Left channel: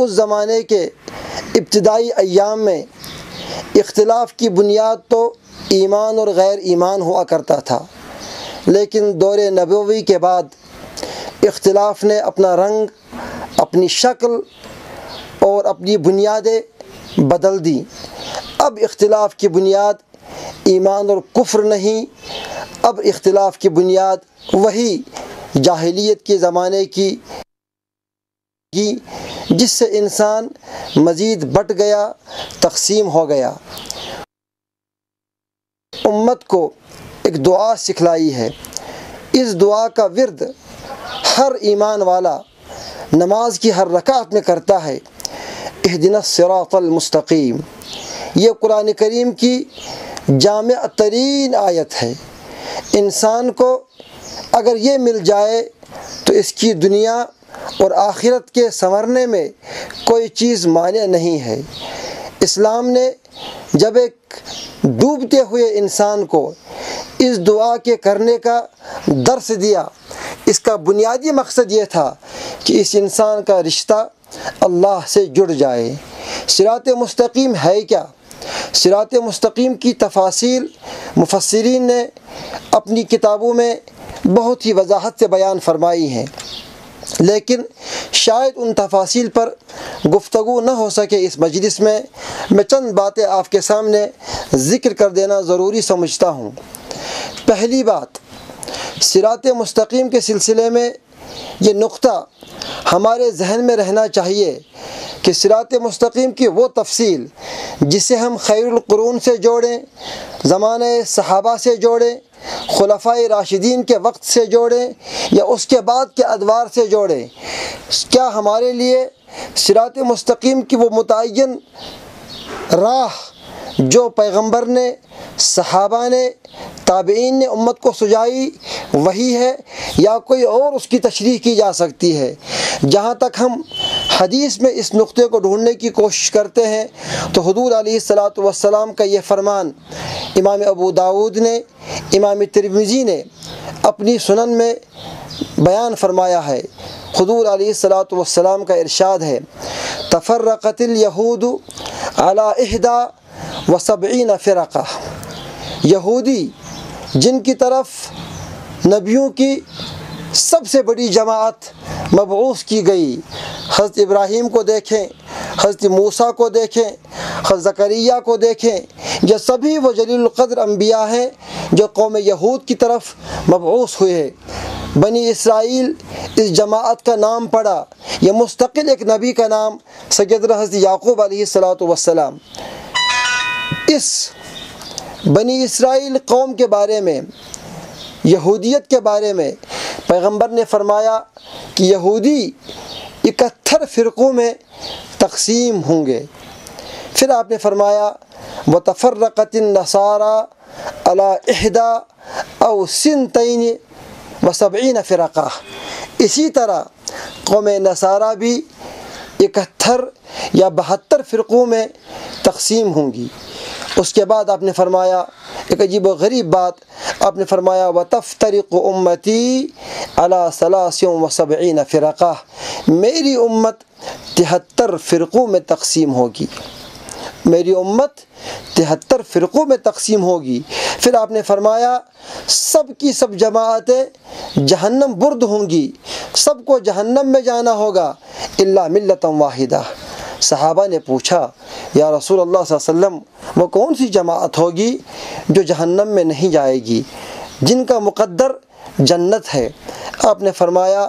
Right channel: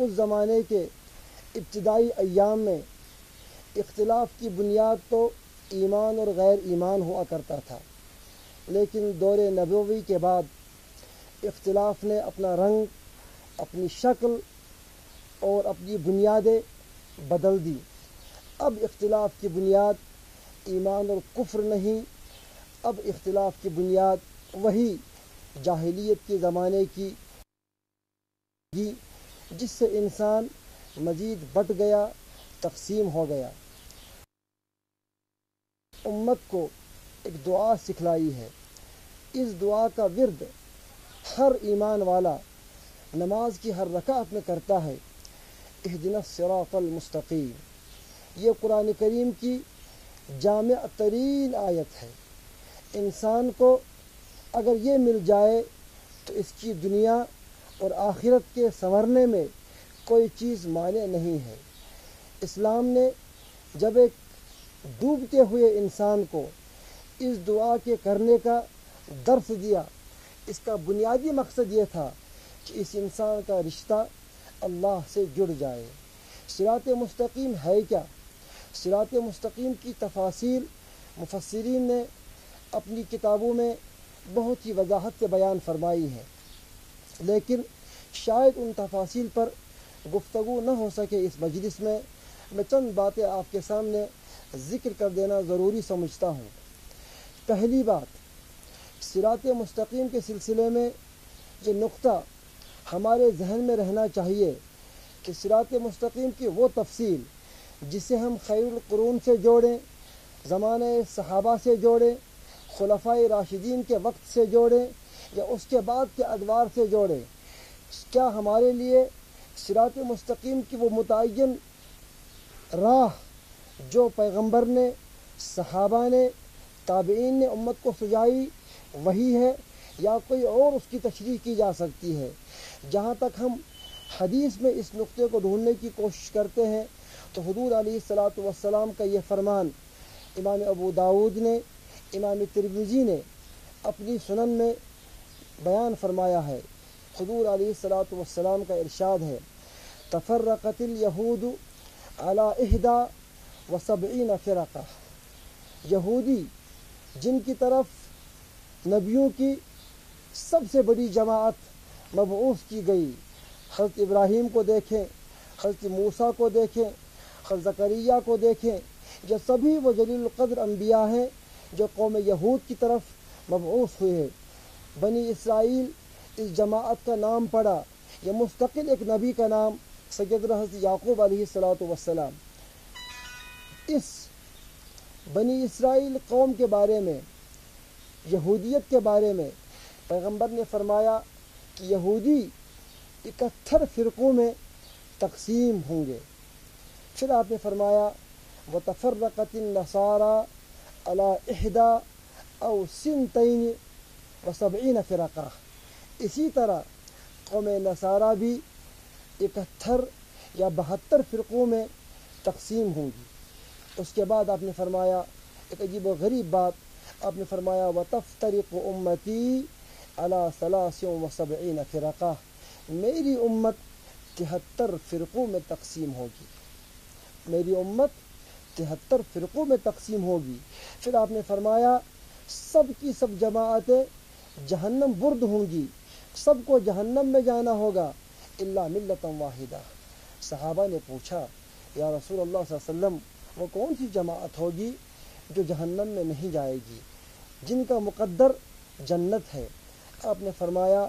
اس زمانے کے ابتدائی ایام میں اختلاف کی بنیاد تو ایمان اور غیر ایمان ہوا کرتا تھا، لیکن دور نبوی کے بعد اختلاف نے اپنا رنگ، اپنی شکل اور اپنی بنیادیں بدل دی۔ اب اختلاف کی بنیاد ایمان اور کفر نہیں، اب اختلاف کی بنیاد وہی جاہلیت کے زمانے کی جس سے انسان مزید بٹ گیا، تقسیم ہو گیا۔ امت کو ایک دعا سکھلائی ہے، اس دعا کا ورد ہر ایمان والا نماز کی ہر رکعت میں کرتا ہے، اہدنا الصراط المستقیم۔ یہ قرآن کریم کی جامع ترین آیت ہے۔ انسان کو اگر یہ مل جائے تو اس کی دنیا اور آخرت کے سنورنے میں کوئی چیز مانع نہیں ہے۔ اسلام نے جب ایک ڈوبتے ہوئے انسان کو اس دعا کے کرنے کا درس دیا، اس کا بنیادی مقصد یہ تھا کہ اس انسان کا رشتہ اللہ سے جڑ جائے۔ صراط مستقیم ہے کیا؟ صراط مستقیم کی تفاصیل مفسرین نے اپنی کتابوں میں بہت ہی وضاحت سے بیان فرمائی ہیں، لیکن شاید ان تفاصیل پر گفتگو نہ ہو سکے اس مجلس میں چند باتیں آپ کے سامنے ذکر کر دینا ضروری سمجھتا ہوں۔ پہلی بات، صراط مستقیم کے سلسلے میں یہ نقطہ ہمارے ذہن میں رہنا چاہیے کہ صراط مستقیم کی وہ تفصیل جسے ہم خیر القرون سے جوڑیں، زمانہ صحابہ سے جوڑیں، خلفائے راشدین کے وقت سے جوڑیں یا اس کے بعد کے ادوار سے جوڑیں، کیا ہمارے لیے صراط مستقیم کی وہ متعین راہ جو پیغمبر نے، صحابہ نے، تابعین نے امت کو سجائی وہی ہے یا کوئی اور اس کی تشریح کی جا سکتی ہے؟ جہاں تک ہم حدیث میں اس نقطے کو ڈھونڈنے کی کوشش کرتے ہیں تو حضور علیہ الصلاۃ والسلام کا یہ فرمان امام ابو داود نے، امام ترمذی نے اپنی سنن میں بیان فرمایا ہے۔ حضور علیہ الصلاۃ والسلام کا ارشاد ہے، تفرقت الیہود علی 71 فرقہ۔ یہودی جن کی طرف نبیوں کی سب سے بڑی جماعت مبعوث کی گئی، حضرت ابراہیم کو دیکھیں، حضرت موسیٰ کو دیکھیں، حضرت زکریا کو دیکھیں، یہ سبھی وہ جلیل القدر انبیاء ہیں جو قوم یہود کی طرف مبعوث ہوئے ہیں۔ بنی اسرائیل اس جماعت کا نام پڑا، یہ مستقل ایک نبی کا نام سیدنا حضرت یعقوب علیہ الصلاۃ والسلام۔ اس بنی اسرائیل قوم کے بارے میں، یہودیت کے بارے میں پیغمبر نے فرمایا کہ یہودی 71 فرقوں میں تقسیم ہوں گے۔ پھر آپ نے فرمایا وَتَفَرَّقَتِ النَّصَارَى عَلَى 71 فرقہ۔ اسی طرح قوم نصارہ بھی 71 یا 72 فرقوں میں تقسیم ہوں گی۔ اس کے بعد آپ نے فرمایا ایک عجیب و غریب بات، آپ نے فرمایا وَتَفْتَرِقُ أُمَّتِي عَلَى 73 فرقہ۔ میری امت 73 فرقوں میں تقسیم ہوگی، میری امت 73 فرقوں میں تقسیم ہوگی۔ پھر آپ نے فرمایا سب کی سب جماعتیں جہنم برد ہوں گی، سب کو جہنم میں جانا ہوگا الا ملۃ واحدہ۔ صحابہ نے پوچھا یا رسول اللہ صلی اللہ علیہ وسلم وہ کون سی جماعت ہوگی جو جہنم میں نہیں جائے گی، جن کا مقدر جنت ہے؟ آپ نے فرمایا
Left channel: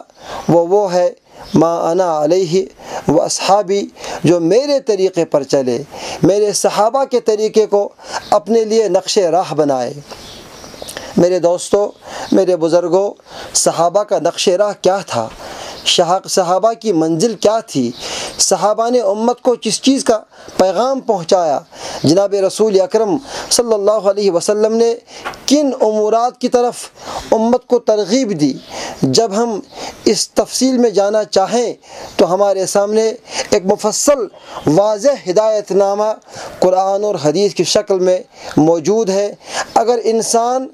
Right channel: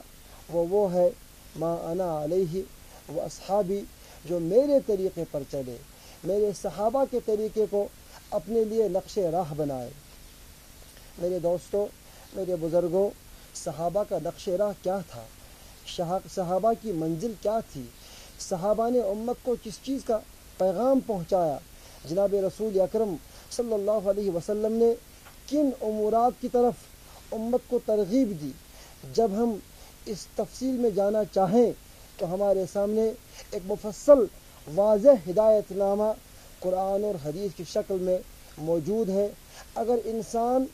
وہ ہے ما انا علیہ و اصحابی، جو میرے طریقے پر چلے، میرے صحابہ کے طریقے کو اپنے لیے نقش راہ بنائے۔ میرے دوستو، میرے بزرگوں، صحابہ کا نقش راہ کیا تھا؟ صحابہ کی منزل کیا تھی؟ صحابہ نے امت کو کس چیز کا پیغام پہنچایا؟ جناب رسول اکرم صلی اللہ علیہ وسلم نے کن امورات کی طرف امت کو ترغیب دی؟ جب ہم اس تفصیل میں جانا چاہیں تو ہمارے سامنے ایک مفصل واضح ہدایت نامہ قرآن اور حدیث کی شکل میں موجود ہے۔ اگر انسان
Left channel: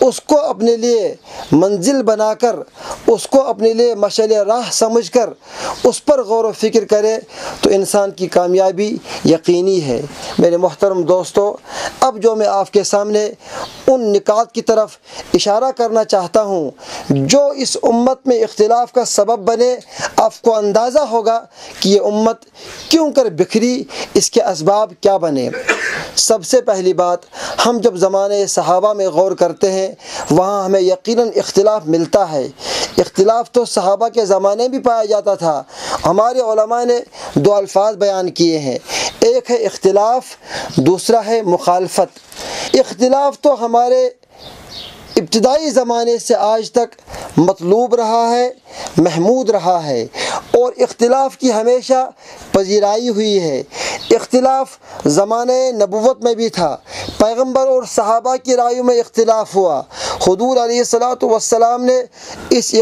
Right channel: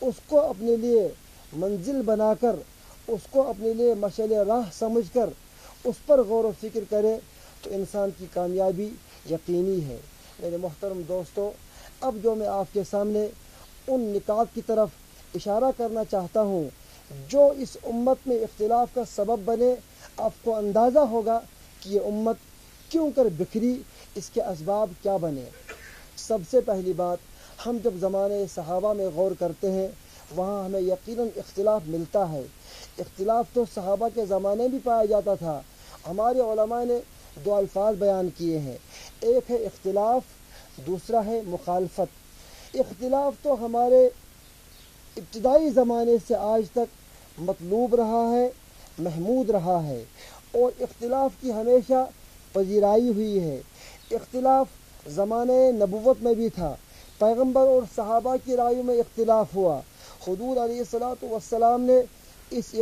اس کو اپنے لیے منزل بنا کر، اس کو اپنے لیے مشعل راہ راہ سمجھ کر اس پر غور و فکر کرے تو انسان کی کامیابی یقینی ہے۔ میرے محترم دوستو، اب جو میں آپ کے سامنے ان نکات کی طرف اشارہ کرنا چاہتا ہوں جو اس امت میں اختلاف کا سبب بنے، آپ کو اندازہ ہوگا کہ یہ امت کیوں کر بکھری، اس کے اسباب کیا بنے۔ سب سے پہلی بات، ہم جب زمانے صحابہ میں غور کرتے ہیں وہاں ہمیں یقیناً اختلاف ملتا ہے۔ اختلاف تو صحابہ کے زمانے بھی پایا جاتا تھا۔ ہمارے علماء نے دو الفاظ بیان کیے ہیں، ایک ہے اختلاف، دوسرا ہے مخالفت۔ اختلاف تو ہمارے ابتدائی زمانے سے آج تک مطلوب رہا ہے، محمود رہا ہے، اور اختلاف کی ہمیشہ پذیرائی ہوئی ہے۔ اختلاف زمانے نبوت میں بھی تھا، پیغمبر اور صحابہ کی رائیوں میں اختلاف ہوا۔ حضور علیہ السلام نے اس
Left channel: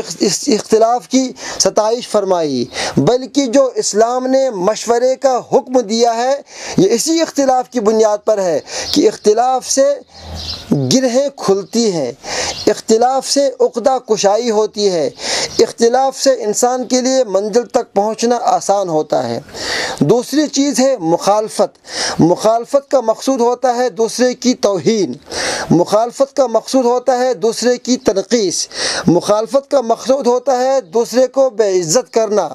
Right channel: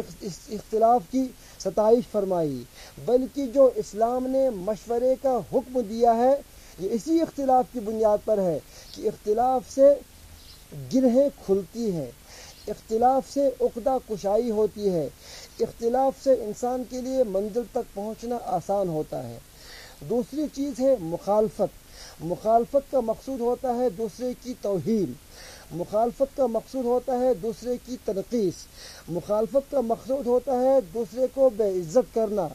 اختلاف کی ستائش فرمائی، بلکہ جو اسلام نے مشورے کا حکم دیا ہے یہ اسی اختلاف کی بنیاد پر ہے کہ اختلاف سے گرہیں کھلتی ہیں، اختلاف سے عقدہ کشائی ہوتی ہے، اختلاف سے انسان کے لیے منزل تک پہنچنا آسان ہوتا ہے۔ دوسری چیز ہے مخالفت۔ مخالفت کا مقصود ہوتا ہے دوسرے کی توہین، مخالفت کا مقصود ہوتا ہے دوسرے کی تنقیص، مخالفت کا مقصود ہوتا ہے دوسرے کو بے عزت کرنا،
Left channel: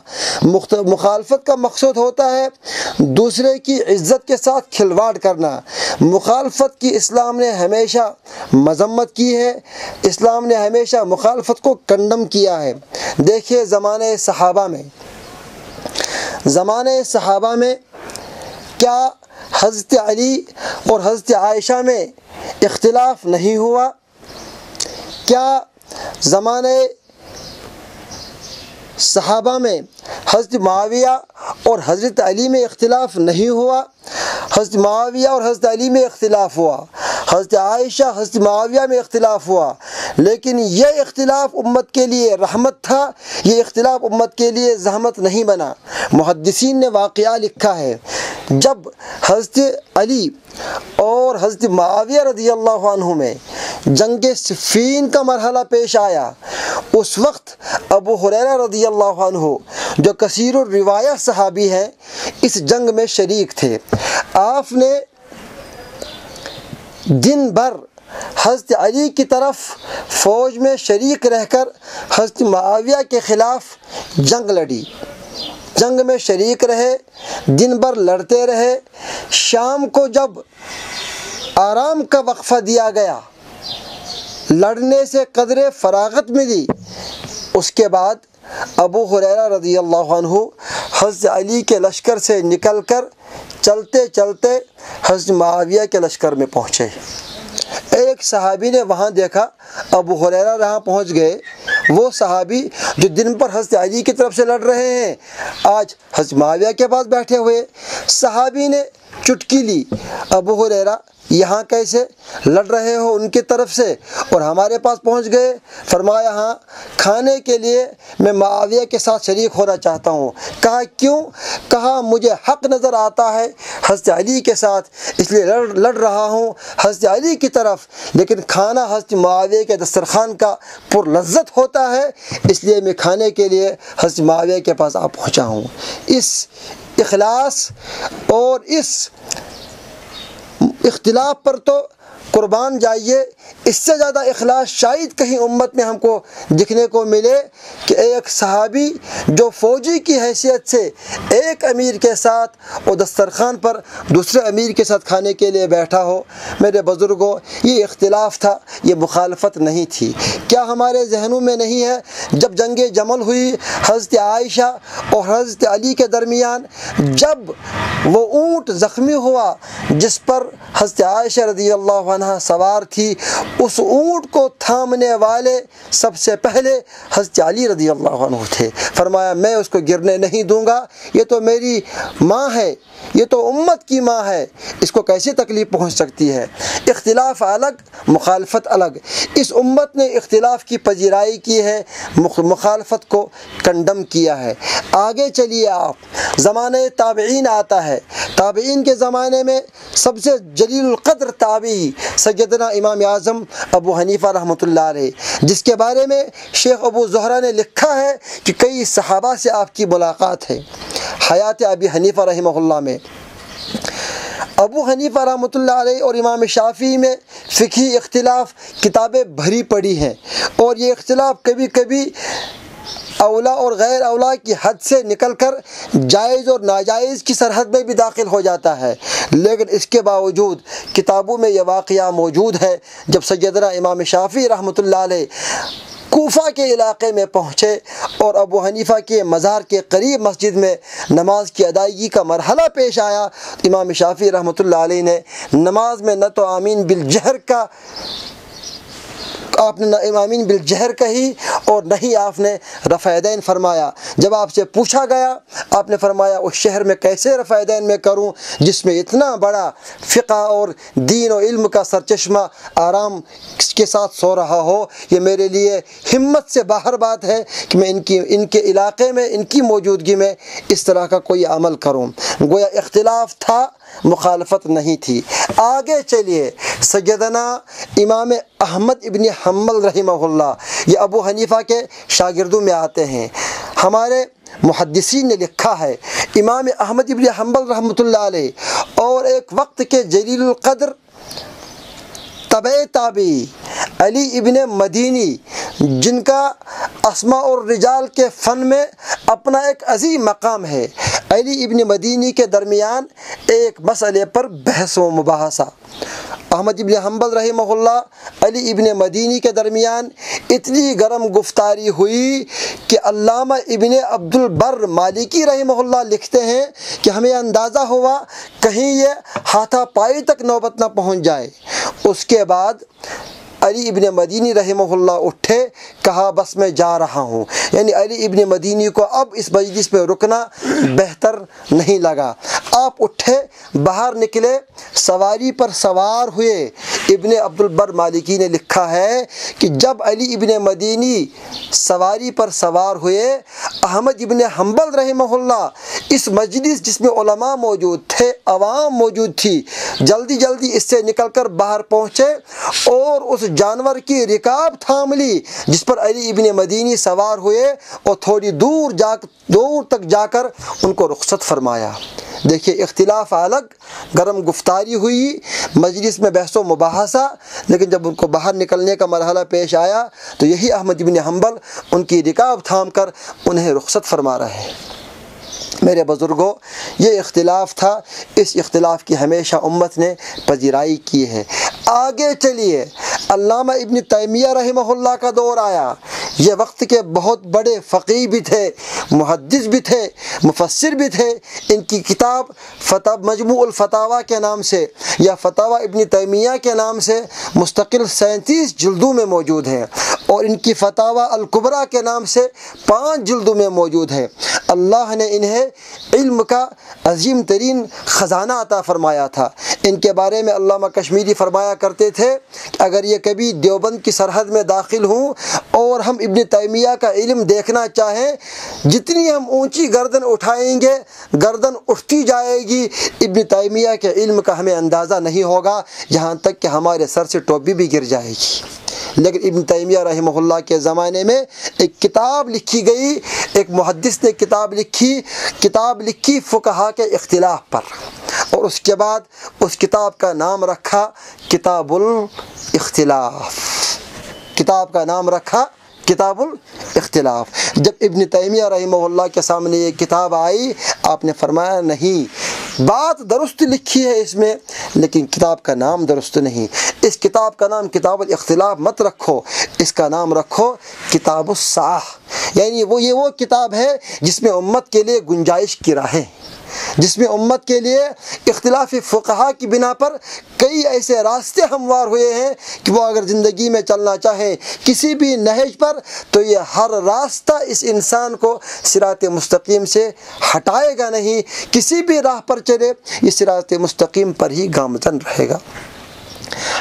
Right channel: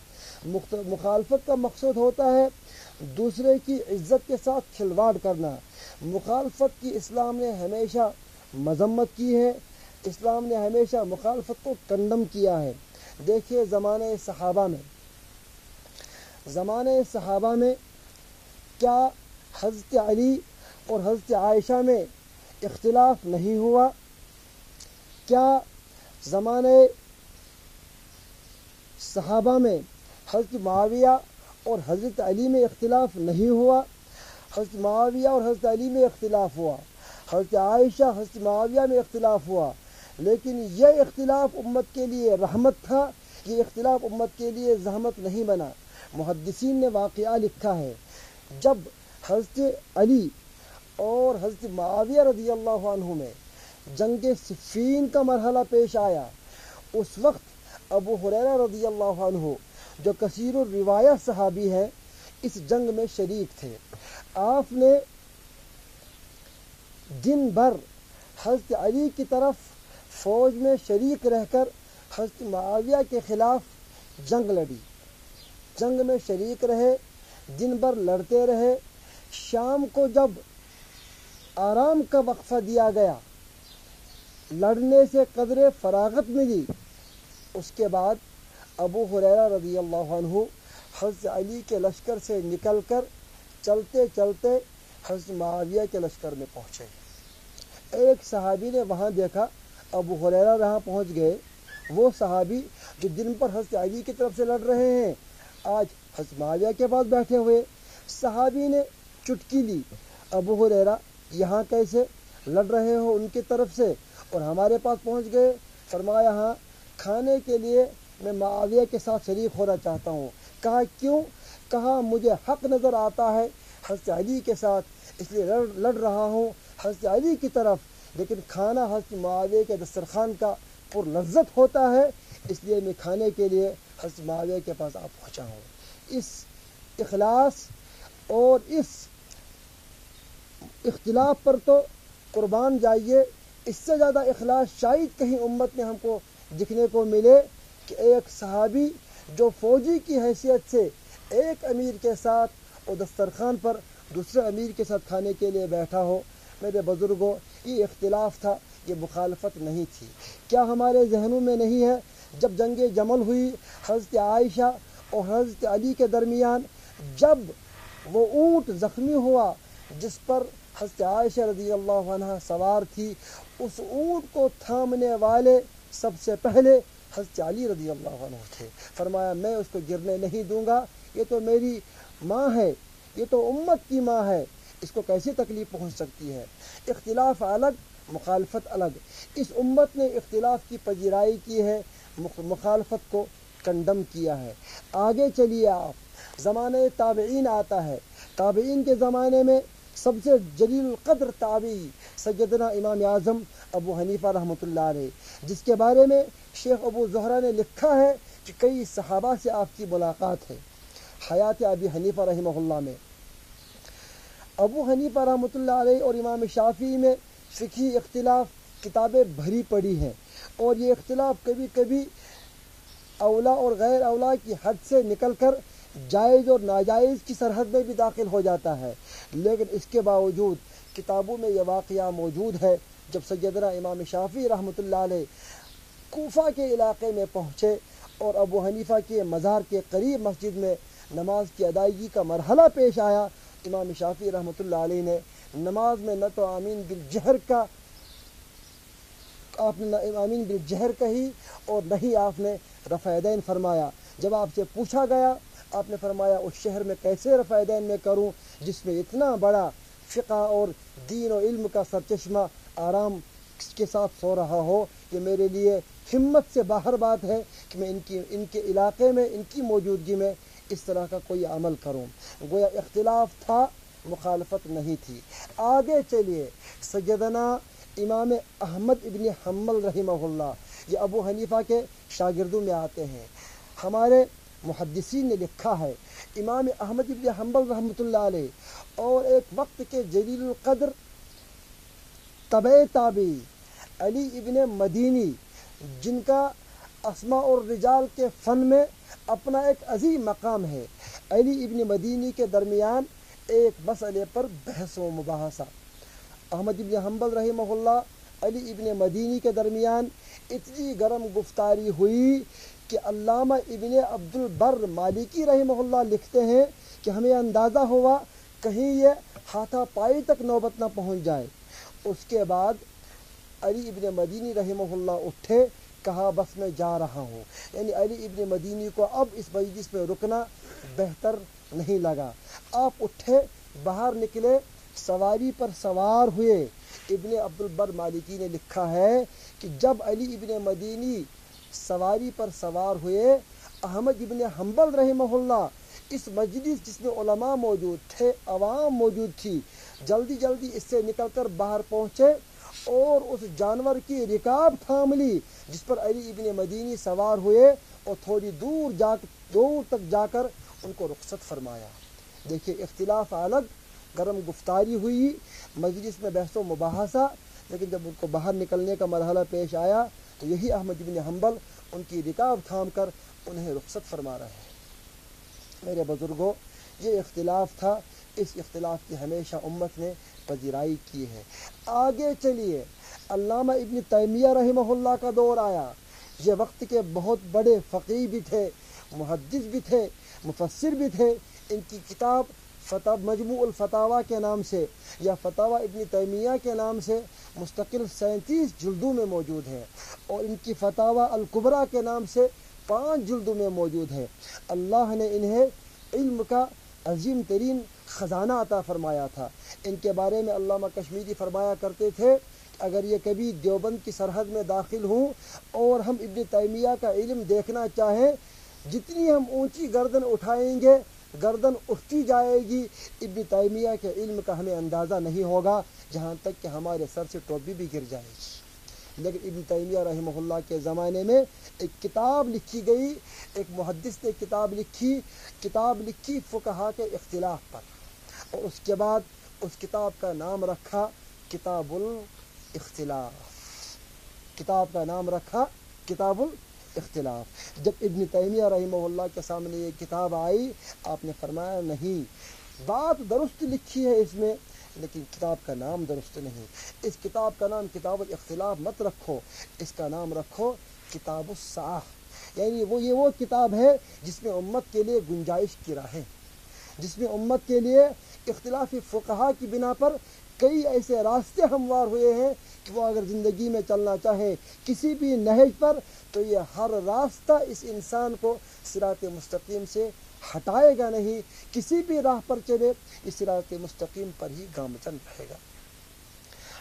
مخالفت کا مقصود ہوتا ہے دوسرے کی عزت کے ساتھ کھلواڑ کرنا۔ مخالفت کی اسلام نے ہمیشہ مذمت کی ہے، اسلام نے ہمیشہ مخالفت کو کنڈم کیا ہے۔ دیکھیے زمانے صحابہ میں کیا حضرت علی اور حضرت عائشہ میں اختلاف نہیں ہوا؟ کیا زمانے صحابہ میں حضرت معاویہ اور حضرت علی میں اختلاف نہیں ہوا؟ حضرت معاویہ اور حضرت علی میں اختلاف ہوا، حضرت عائشہ حضرت معاویہ میں اختلاف ہوا، لیکن یہ اختلاف امت کے لیے رحمت تھا، یہ اختلاف امت کے لیے زحمت نہیں بنا۔ محدثین نے واقعہ لکھا ہے، جب حضرت علی اور حضرت معاویہ رضی اللہ عنہ میں جنگ صفین کا مرحلہ پیش آیا، اس وقت ابو ہریرہ رضی اللہ عنہ جو کثیر الروایہ صحابی ہیں اس جنگ میں شریک تھے۔ آپ نے دن بھر حضرت علی کی طرف فوج میں شریک رہ کر حضرت معاویہ کے خلاف جنگ لڑی، جنگ میں شریک رہے، دن بھر لڑتے رہے۔ شام کو جب آرام کا وقفہ دیا گیا، لڑنے سے قدرے فراغت ملی، اس کے بعد ابو ہریرہ رضی اللہ عنہ حضرت علی کے لشکر سے نکل کر چلتے چلتے حضرت معاویہ کے لشکر میں پہنچے۔ ایک صحابی نے وہاں دیکھا ابو ہریرہ وہاں پہنچ گئے، وہ صحابی جو دن پر حضرت علی کی طرف سے لڑ رہے ہیں آج حضرت معاویہ کے پاس بیٹھے ہوئے۔ صحابی نے چٹکی لی، ابو ہریرہ یہاں کیسے لڑ رہے ہو ان کی طرف سے اور ہمارے پاس پہنچ گئے؟ فرمایا ہاں، کھانے کے لیے میں معاویہ کے ساتھ شریک ہونا چاہتا ہوں۔ کہا کیوں؟ کہا مجھے حق نظر آتا ہے حضرت علی کے ساتھ، اس لیے لڑ رہا ہوں حضرت علی کی طرف، لیکن کھانا حضرت معاویہ کے دسترخوان کا پر لذت ہوتا ہے، اس لیے میں کھانے کے لیے حضرت معاویہ کے پاس آ پہنچا ہوں۔ اس اخلاص اور اس اختلاف پر تو قربان جائیے، اس سے زیادہ اخلاص شاید کہیں امت میں ہم کو دکھنے کو ملے کہ ایک صحابی جو فوجی کی حیثیت سے ایک امیر کے ساتھ اور دسترخوان پر دوسرے امیر کے ساتھ کھانے کے لیے بیٹھا ہو۔ میرے بزرگوں، یہ اختلاف تھا، یہ مخالفت نہیں تھی۔ کیا ہمارے ذہنوں میں نہیں ہے جب جنگ جمل ہوئی حضرت عائشہ اور حضرت علی کے درمیان، جب وہ اونٹ زخمی ہوا جس پر حضرت عائشہ رضی اللہ عنہ سوار تھی، اس اونٹ کو تھامنے والے سب سے پہلے حضرت علی رضی اللہ عنہ تھے۔ فرمایا میں اس کو گرنے نہیں دوں گا، یہ تو میری ماں ہے، یہ تو امت کی ماں ہے، اس کو کیسے تکلیف پہنچ سکتی ہے۔ اختلاف الگ، مخالفت الگ۔ اس امت نے اختلاف کی پذیرائی کی ہے، مخالفت کو کنڈم کیا ہے۔ آگے چلیے آپ، زمانہ تابعین آتا ہے۔ تابعین کے زمانے میں سب سے جلیل القدر تابعی سیدنا امام اعظم ابو حنیفہ رحمۃ اللہ علیہ، جس کے بارے میں شیخ ابو زہرہ نے لکھا ہے کہ کئی صحابہ سے آپ کی ملاقات ہے۔ حیات ابی حنیفہ رحمہ اللہ میں ابو حنیفہ رحمۃ اللہ علیہ اور امام شافعی میں فقہی اختلاف کتابیں بھری پڑی ہیں، اور یہ اختلاف کبھی کبھی اولا اور غیر اولا کی حد سے نکل کر جائز اور ناجائز کی سرحد میں بھی داخل ہو جاتا ہے، لیکن اس کے باوجود کتابوں میں یہ واقعہ موجود ہے جب سیدنا امام شافعی رحمۃ اللہ علیہ کوفہ کے علاقے میں پہنچے اور ابو حنیفہ کے مزار کے قریب مسجد میں نماز کی ادائیگی کا مرحلہ پیش آیا، امام شافعی رحمۃ اللہ علیہ نے نماز میں نہ تو آمین بالجہر کا آپ نے آمین بالجہر کہی اور نہ ہی آپ نے رفع یدین فرمایا۔ جب آپ سے پوچھا گیا، آپ نے فرمایا اس شہر میں کیسے رفع یدین میں کروں جس میں اتنا بڑا فقہ اور دین و علم کا سرچشمہ آرام کے ساتھ سو رہا ہو، یہ میرے لیے ہمت سے باہر بات ہے کہ میں ان کے علاقے میں ان کی موجودگی میں اس طرح کا کوئی عمل کروں۔ گویا اختلاف تھا، مخالفت نہیں تھی۔ آگے چلیے، سیدنا امام احمد ابن حنبل رحمہ اللہ، یہ ابو حنیفہ کے شاگردوں میں آتے ہیں۔ ہمارے محدثین نے لکھا ہے امام احمد ابن حنبل رحمۃ اللہ علیہ اور ایک وقت کے جلیل القدر تابعی علی ابن مدینی، جن کا اسماء اور رجال کے فن میں اپنا ایک عظیم مقام ہے، علی ابن مدینی کے درمیان ایک مسئلے پر بحث و مباحثہ۔ احمد ابن حنبل رحمہ اللہ علی ابن مدینی کے درمیان اتنی گرم گفتاری ہوئی کہ علامہ ابن عبد البر مالکی رحمہ اللہ لکھتے ہیں کہ ہمیں اندازہ ہوا کہیں یہ ہاتھا پائی تک نوبت نہ پہنچ جائے۔ اس کے بعد علی ابن مدینی رحمہ اللہ اٹھے، کہا بس میں جا رہا ہوں، یعنی علی ابن مدینی کو اب اس مجلس پہ رکنا بہتر نہیں لگا۔ آپ اٹھے، باہر نکلے، سواری پر سوار ہوئے۔ ابن عبد البر مالکی نے لکھا ہے کہ جب علی ابن مدینی سواری پر سوار ہوئے، احمد ابن حنبل رحمہ اللہ اس مجلس جس میں علماء موجود تھے، عوام موجود تھی، جلدی جلدی اس سے نکل کر باہر پہنچے اور اس جانور کی رکاب تھام لی جس پر علی ابن مدینی سوار ہوئے، اور تھوڑی دور تک جا کر ان کو رخصت فرمایا۔ دیکھیے، اختلاف الگ، گرم گفتاری ہوئی، مجلس میں بحث و مباحثہ، لیکن جب ان کو باہر نکلنے کا مرحلہ پیش آیا تو یہی احمد ابن حنبل ان کی رکاب تھام کر انہیں رخصت فرما رہے ہیں۔ میرے بزرگوں، یہ اختلاف تھا، اس اختلاف کی ہمیشہ امت نے پذیرائی کی ہے۔ آگے چلیے، علامہ ابن تیمیہ رحمہ اللہ کا دور آیا۔ یہ وقت کے بہت بڑے فقیہ بھی تھے، محدث بھی تھے، مفسر بھی تھے۔ ان کی کتاب مجموع الفتاوی کے نام سے یا فتاوی ابن تیمیہ کے نام سے مستقل 37 جلدوں میں موجود ہیں، اور ان کی فتاوی الکبریٰ کے نام سے 5 جلدوں میں موجود ہے۔ اللہ نے انہیں علم کا عظیم ترین خزانہ عطا فرمایا تھا۔ ان کے بارے میں علامہ کشمیری فرمایا کرتے تھے کہ اگر یہ کبھی دیوبند کی سرحد میں داخل ہوں اور ہم ابن تیمیہ کا علم دیکھنا چاہیں، جتنی ہم اونچی گردن اٹھائیں گے گردن اٹھتی جائے گی، ابن تیمیہ کے علم کا ہمیں اندازہ نہیں ہوگا، یہاں تک کہ ہمارے سر سے ٹوپی بھی گر جائے گی۔ لیکن ابن تیمیہ رحمہ اللہ کے زمانے میں ایک کتاب لکھی گئی، ایک محدث نے کتاب لکھی فقہا کے اختلاف پر، اور اس کے بعد اس کتاب کا نام رکھا کتاب الاختلاف۔ کتاب کا نام رکھا کتاب الاختلاف۔ جب ابن تیمیہ رحمہ اللہ کے سامنے یہ کتاب آئی، آپ نے فرمایا نہیں، بات درست لکھی ہے اس میں، لیکن کتاب کا نام درست نہیں۔ اس کتاب کا نام کتاب الاختلاف مت رکھو، اس کا نام رکھو کتاب الصاح، یعنی یہ وہ کتاب ہے جس میں امت کے لیے گنجائش کی راہیں، جس میں امت کے لیے اختلاف فقہا کی بنا پر کئی ایسے راستے ہموار ہوئے ہیں کہ وہ اگر زندگی میں چلنا چاہیں کسی بھی نہج پر، تو یہ ہر راستہ اس انسان کو صراط مستقیم سے ہٹائے گا نہیں، کسی بھی راہ پر چلے یہ صراط مستقیم پر ہی گامزن رہے گا۔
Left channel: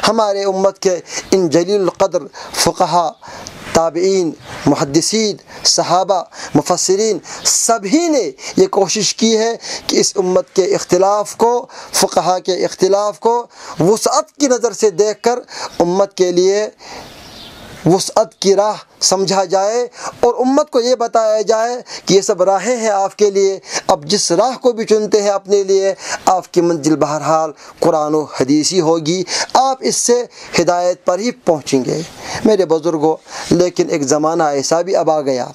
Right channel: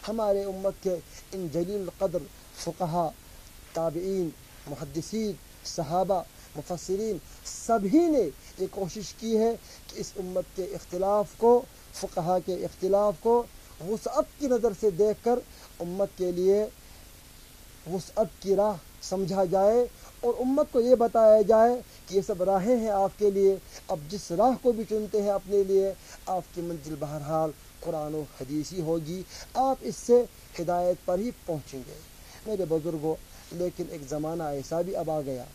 ہمارے امت کے ان جلیل القدر فقہا، تابعین، محدثین، صحابہ، مفسرین سبھی نے یہ کوشش کی ہے کہ اس امت کے اختلاف کو، فقہا کے اختلاف کو وسعت کی نظر سے دیکھ کر امت کے لیے وسعت کی راہ سمجھا جائے، اور امت کو یہ بتایا جائے کہ یہ سب راہیں ہیں آپ کے لیے، اب جس راہ کو بھی چنتے ہیں اپنے لیے، آپ کی منزل بہرحال قرآن و حدیث ہی ہوگی، آپ اس سے ہدایت پر ہی پہنچیں گے۔ میرے بزرگوں، لیکن ایک زمانہ ایسا بھی اب آ گیا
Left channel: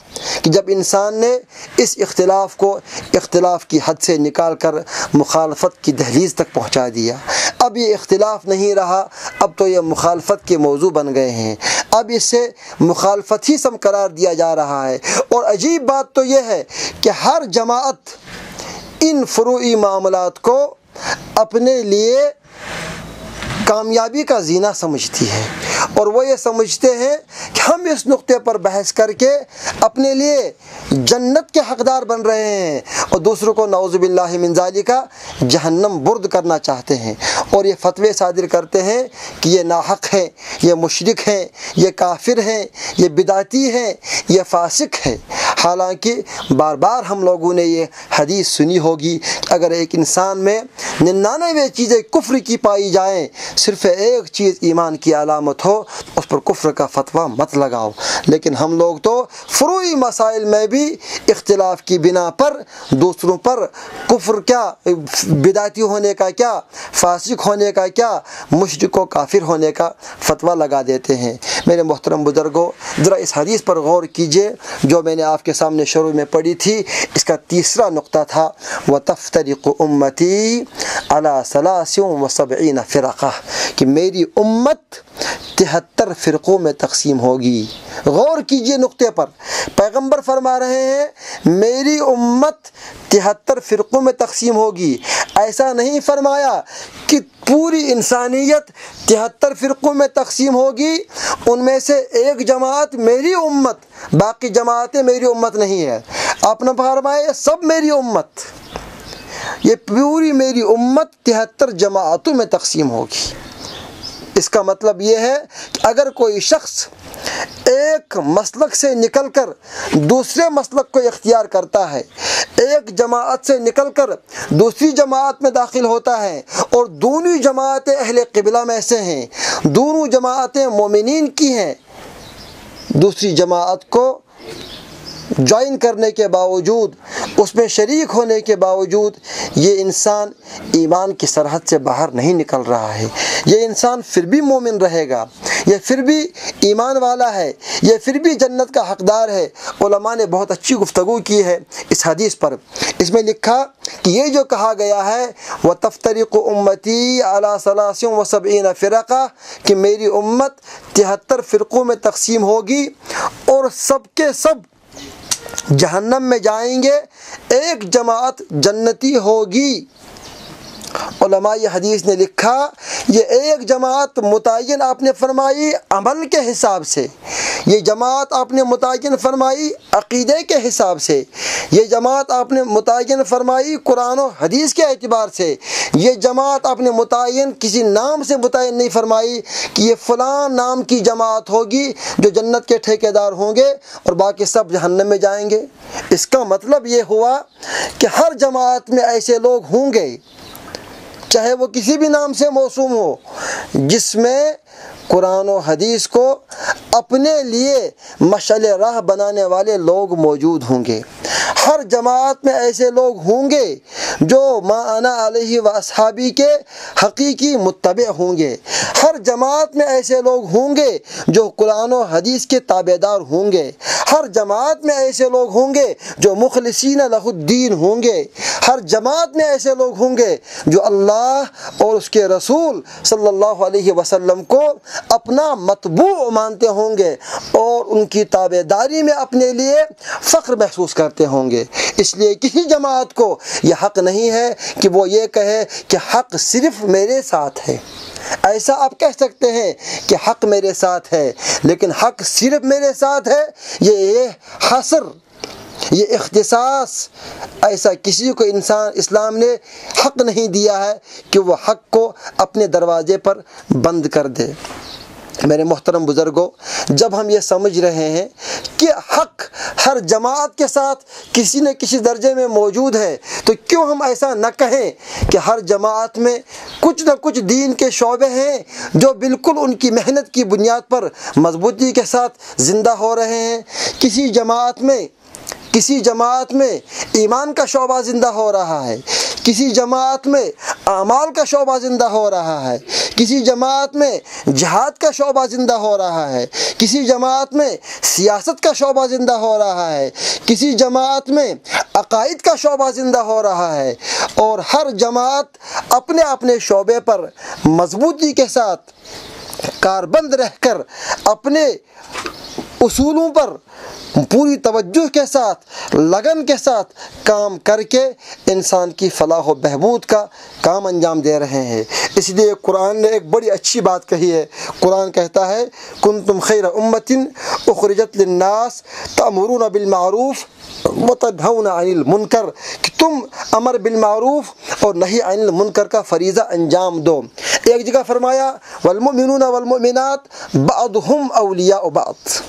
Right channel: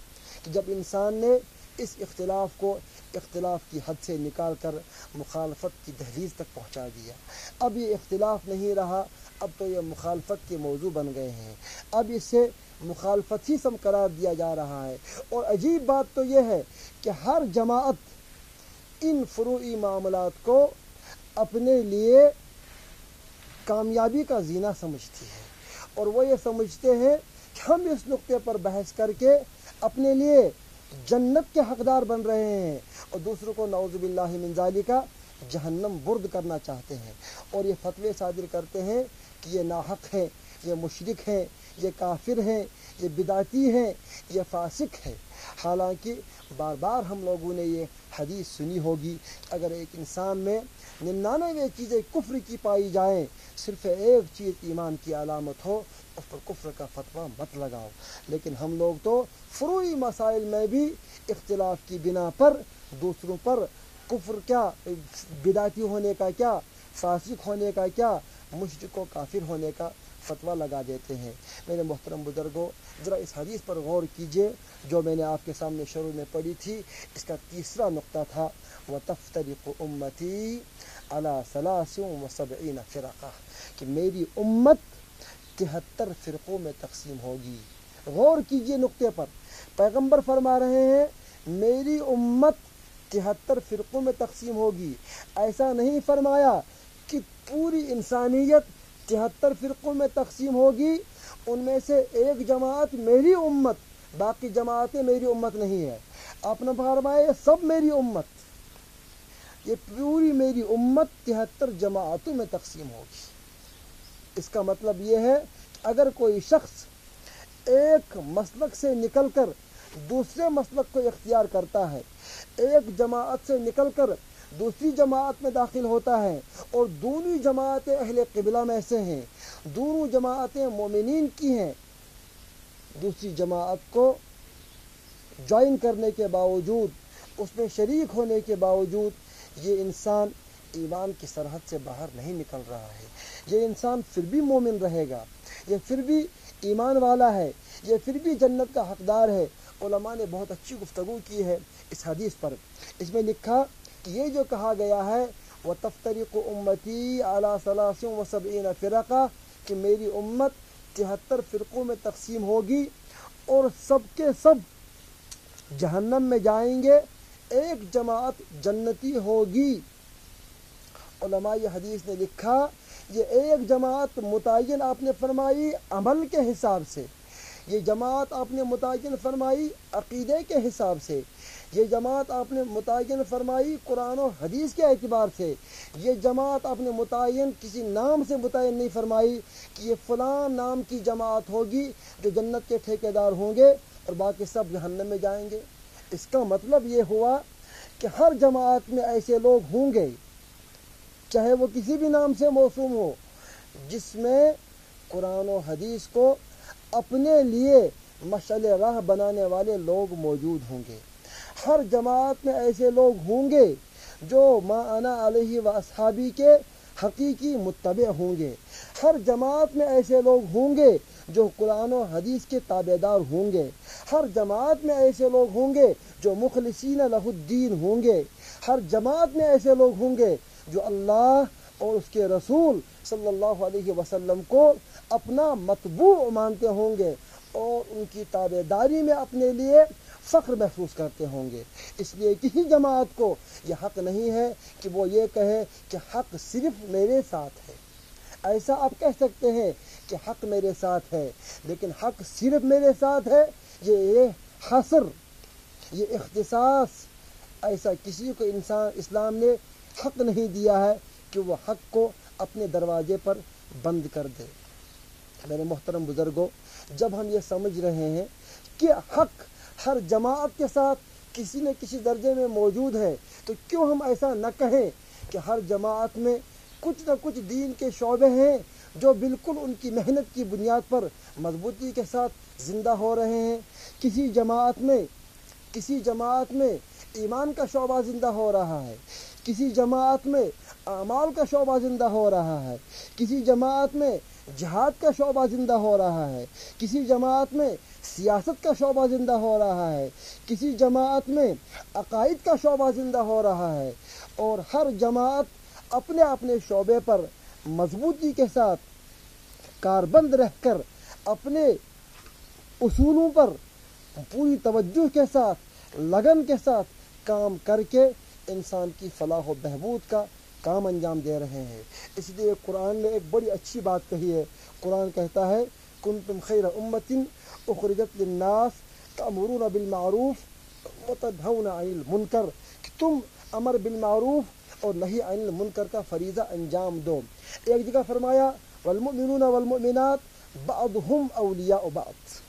کہ جب انسان نے اس اختلاف کو اختلاف کی حد سے نکال کر مخالفت کی دہلیز تک پہنچا دیا۔ اب یہ اختلاف نہیں رہا، اب تو یہ مخالفت کے موضوع بن گئے ہیں، اب اسے مخالفت ہی سم قرار دیا جا رہا ہے۔ اور عجیب بات تو یہ ہے کہ ہر جماعت ان فروعی معاملات کو اپنے لیے کامیابی کا زینہ سمجھتی ہے، اور وہ یہ سمجھتے ہیں کہ ہم اس نقطے پر بحث کر کے اپنے لیے جنت کے حقدار بن رہے ہیں، اور دوسروں کو نعوذ باللہ من ذالک جہنم برد کرنا چاہتے ہیں، اور یہ فتوے صادر کرتے ہیں کہ یہ ناحق ہیں، یہ مشرک ہیں، یہ کافر ہیں، یہ بدعتی ہیں، یہ فاسق ہیں۔ حالانکہ بار بار ہم لوگوں نے یہ حدیث سنی ہوگی کہ اگر ایک انسان میں 99 چیزیں کفر کی پائی جائیں، صرف ایک چیز ایمان کی علامت ہو، اس پر کفر کا فتویٰ مت لگاؤ۔ لیکن ہم لوگ تو فروعی مسائل میں بھی اختلاف کی بنا پر دوسروں پر کفر کیا، بدعتی ہونے کا کیا، فاسق ہونے کا کیا، مشرک و کافر ہونے کا فتویٰ لگا دیتے ہیں۔ میرے محترم بزرگوں، ذرا اس حدیث پر غور کیجئے جو میں نے آپ کے سامنے شروع میں پڑھی تھی۔ اس کا تیسرا نقطہ تھا وَتَفْتَرِقُ أُمَّتِي عَلَى 73 فرقہ، کہ میری امت 73 فرقوں میں تقسیم ہوگی۔ غور کیجئے نقطے پر، پیغمبر فرما رہے ہیں میری امت 73 فرقوں میں تقسیم ہوگی۔ ایسا نہیں فرمایا کہ پوری انسانیت 73 فرقوں میں تقسیم ہوگی، ان میں سے ایک جماعت میری امت، باقی جماعتیں میری امت نہیں ہے۔ آپ نے فرمایا سب میری امت، یہ پوری میری امت 73 جماعتوں میں تقسیم ہوگی۔ اس کا مطلب یہ ہے کہ اگر کوئی شخص ایک مسلک سے نکل کر دوسرے مسلک کو اختیار کرتا ہے، ایک جماعت سے نکل کر دوسری جماعت میں داخل ہوتا ہے، اور دونوں جماعتیں اہل قبلہ میں سے ہیں، دونوں جماعتیں مومنین کی ہیں، دوسری جماعت کو جوائن کرنے کے باوجود، اس میں شریک ہونے کے باوجود یہ انسان ایمان کی سرحد سے باہر نہیں نکل رہا ہے، یہ انسان پھر بھی مومن رہے گا، یہ پھر بھی ایمان والا ہے، یہ پھر بھی جنت کا حقدار ہے۔ علماء نے بہت اچھی گفتگو کی ہے اس حدیث پر۔ اس میں لکھا کہ یہ جو کہا گیا ہے وَتَفْتَرِقُ أُمَّتِي عَلَى 73 فرقہ، کہ میری امت 73 فرقوں میں تقسیم ہوگی اور سب کے سب جہنم میں جائیں گے، ایک جماعت جنتی ہوگی۔ علماء یہ حدیث نے لکھا یہ ایک جماعت متعین آپ نے فرمائی عمل کے حساب سے، یہ جماعت آپ نے متعین فرمائی عقیدے کے حساب سے، یہ جماعت آپ نے متعین فرمائی قرآن و حدیث کے اعتبار سے، یہ جماعت آپ نے متعین کسی نام سے متعین نہیں فرمائی کہ یہ فلاں نام کی جماعت ہوگی جو جنت کے ٹھیکیدار ہوں گے اور باقی سب جہنم میں جائیں گے۔ اس کا مطلب یہ ہوا کہ ہر جماعت میں ایسے لوگ ہوں گے، چاہے وہ کسی بھی نام سے موسوم ہو، جس میں قرآن و حدیث کو اپنے لیے مشعل راہ بنانے والے لوگ موجود ہوں گے۔ ہر جماعت میں ایسے لوگ ہوں گے جو ما انا علیہ و اصحابی کے حقیقی متبع ہوں گے۔ ہر جماعت میں ایسے لوگ ہوں گے جو قرآن و حدیث کے تابع دار ہوں گے۔ ہر جماعت میں ایسے لوگ ہوں گے جو مخلصین لہ الدین ہوں گے۔ ہر جماعت میں ایسے لوگ ہوں گے جو اللہ اور اس کے رسول صلی اللہ علیہ وسلم کو اپنا متبوع مانتے ہوں گے اور ان کی تابع داری میں اپنے لیے فخر محسوس کرتے ہوں گے۔ اس لیے کسی جماعت کو یہ حق نہیں ہے کہ وہ یہ کہے کہ حق صرف میرے ساتھ ہے۔ ایسا آپ کہہ سکتے ہیں کہ حق میرے ساتھ ہے، لیکن حق صرف میرے ساتھ ہے یہ حصر، یہ اختصاص ایسا کسی کو اسلام نے حق نہیں دیا ہے کہ وہ حق کو اپنے دروازے پر بند کر دے۔ میرے محترم بزرگوں، جب ہم یہ سمجھ رہے ہیں کہ حق ہر جماعت کے ساتھ کسی نہ کسی درجے میں موجود ہے، تو کیوں ہم ایسا نہ کہیں کہ ہر جماعت میں کچھ نہ کچھ دین کے شعبے ہیں جو بالکل ان کی محنت کی بنیاد پر مضبوطی کے ساتھ زندہ ہو رہے ہیں۔ کسی جماعت میں ایمان کا شعبہ زندہ ہو رہا ہے، کسی جماعت میں اعمال کا شعبہ زندہ ہو رہا ہے، کسی جماعت میں جہاد کا شعبہ زندہ ہو رہا ہے، کسی جماعت میں سیاست کا شعبہ زندہ ہو رہا ہے، کسی جماعت میں عقائد کا شعبہ زندہ ہو رہا ہے، اور ہر جماعت اپنے اپنے شعبے پر مضبوطی کے ساتھ کاربند رہ کر اپنے اصولوں پر پوری توجہ کے ساتھ، لگن کے ساتھ کام کر کے انسان کی فلاح و بہبود کا کام انجام دے رہے ہیں۔ اس لیے قرآن نے ایک بڑی اچھی بات کہی ہے۔ قرآن کہتا ہے کنتم خیر امۃ اخرجت للناس تأمرون بالمعروف وتنہون عن المنکر، کہ تم امر بالمعروف اور نہی عن المنکر کا فریضہ انجام دو۔ ایک جگہ فرمایا والمؤمنون والمؤمنات بعضهم اولیاء بعض،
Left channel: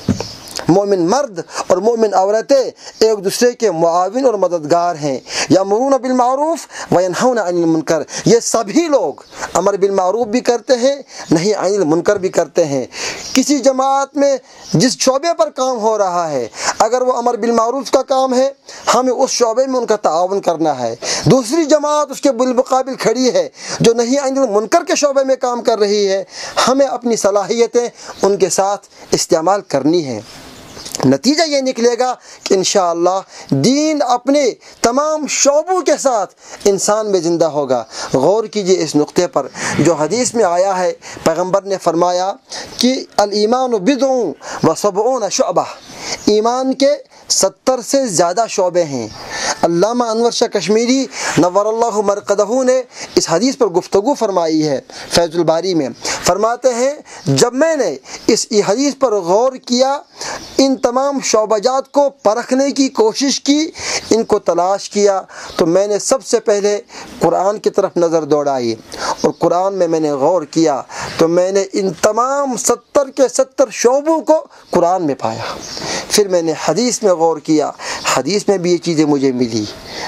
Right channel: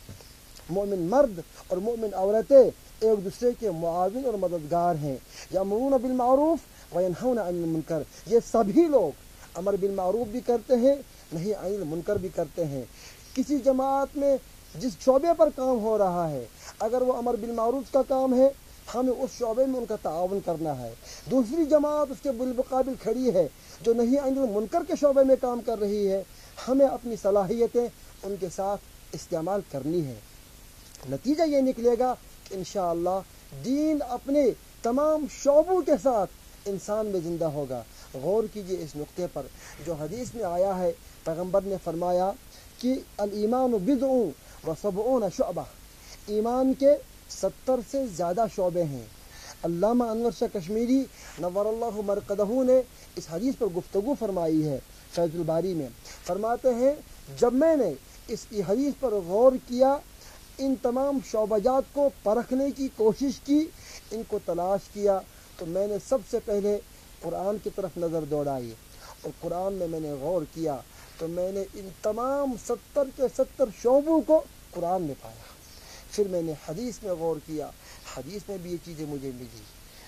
مومن مرد اور مومن عورتیں ایک دوسرے کے معاون اور مددگار ہیں۔ یامرون بالمعروف وینہون عن المنکر، یہ سبھی لوگ امر بالمعروف بھی کرتے ہیں، نہی عن المنکر بھی کرتے ہیں۔ کسی جماعت میں جس شعبے پر کام ہو رہا ہے، اگر وہ امر بالمعروف کا کام ہے، ہمیں اس شعبے میں ان کا تعاون کرنا ہے۔ دوسری جماعت اس کے بالمقابل کھڑی ہے جو نہی عن المنکر کے شعبے میں کام کر رہی ہے، ہمیں اپنی صلاحیتیں ان کے ساتھ استعمال کرنی ہیں۔ نتیجہ یہ نکلے گا کہ انشاءاللہ دین اپنے تمام شعبوں کے ساتھ انسان میں زندہ ہوگا۔ غور کیجئے اس نقطے پر جو حدیث میں آیا ہے، پیغمبر نے فرمایا کہ الایمان بضع و سبعون شعبہ، ایمان کے 70 سے زیادہ شعبے ہیں۔ علامہ انور شاہ کشمیری نور اللہ مرقدہ نے اس حدیث پر گفتگو فرمائی ہے فیض الباری میں۔ فرماتے ہیں جب میں نے اس حدیث پر غور کیا، ان تمام شعبہ جات کو پرکھنے کی کوشش کی، ان کو تلاش کیا، تو میں نے سب سے پہلے قرآن کی طرف نظر دوڑائی، اور قرآن میں نے غور کیا تو میں نے ان تمام 70 کے 70 شعبوں کو قرآن میں پایا۔ پھر میں نے حدیث میں غور کیا، حدیث میں بھی یہ چیزیں مجھے ملی۔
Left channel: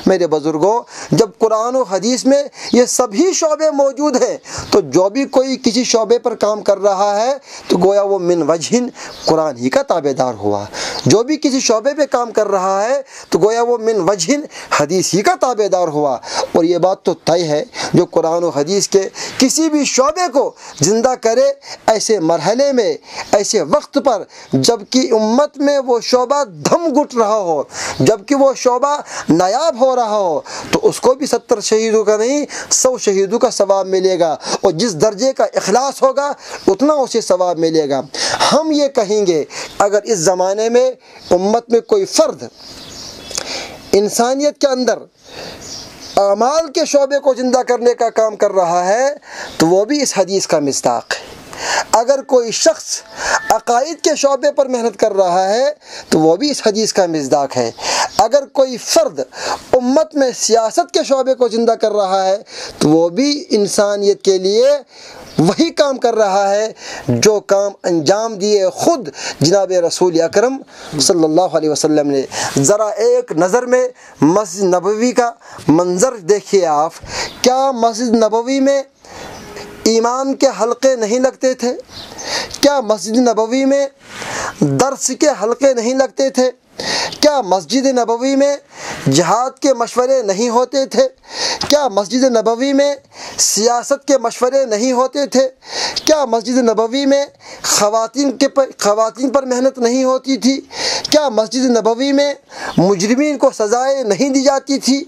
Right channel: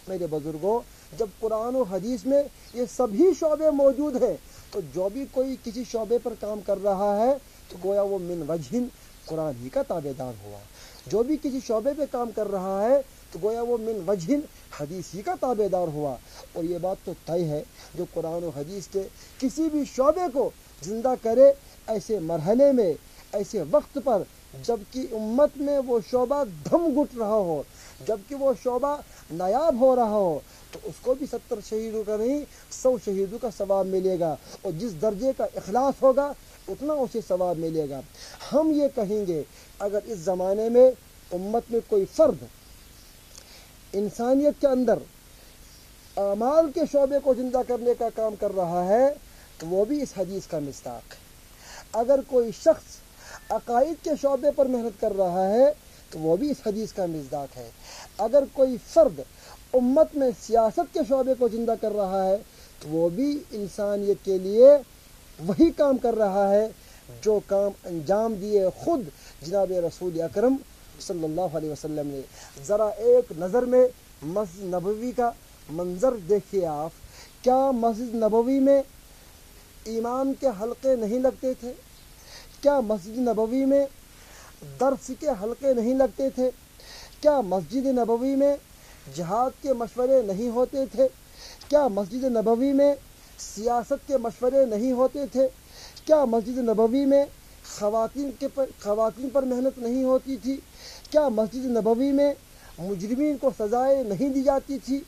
میرے بزرگوں، جب قرآن و حدیث میں یہ سبھی شعبے موجود ہیں، تو جو بھی کوئی کسی شعبے پر کام کر رہا ہے تو گویا وہ من وجہ قرآن ہی کا تابع دار ہوا۔ جو بھی کسی شعبے پہ کام کر رہا ہے تو گویا وہ من وجہ حدیث ہی کا تابع دار ہوا۔ اور یہ بات تو طے ہے، جو قرآن و حدیث کے کسی بھی شعبے کو زندہ کرے ایسے مرحلے میں، ایسے وقت پر جب کہ امت میں وہ شعبہ دھم گھٹ رہا ہو، جب کہ وہ شعبہ نایاب ہو رہا ہو، تو اس کو بھی 70 شہیدوں کا نہیں 100 شہیدوں کا ثواب ملے گا، اور جس درجے کا اخلاص ہوگا اتنا اسے ثواب ملے گا۔ ہم یہ کہیں گے اگر اس زمانے میں امت میں کوئی فرد انسانیت کے اندر اعمال کے شعبے کو زندہ کرنے کا کام کر رہا ہے تو وہ بھی اس حدیث کا مصداق ہے۔ اگر کوئی شخص عقائد کے شعبے پر محنت کر رہا ہے تو وہ بھی اس حدیث کا مصداق ہے۔ اگر کوئی فرد امت میں سیاست کے شعبے کو زندہ کر رہا ہے تو وہ بھی انسانیت کے لیے وہی کام کر رہا ہے جو کام انجام دیے خود جناب رسول اکرم صلی اللہ علیہ وسلم نے۔ ذرا ایک نظر میں مسجد نبوی کا منظر دیکھیے آپ، کیا مسجد نبوی میں ایمان کے حلقے نہیں لگتے تھے؟ کیا مسجد نبوی میں درس کے حلقے نہیں لگتے تھے؟ کیا مسجد نبوی میں جہاد کے مشورے نہیں ہوتے تھے؟ کیا مسجد نبوی میں سیاست کے مشورے نہیں ہوتے تھے؟ کیا مسجد نبوی میں خواتین پر محنت نہیں ہوتی تھی؟ کیا مسجد نبوی میں مجرمین کو سزائیں نہیں دی جاتی تھی؟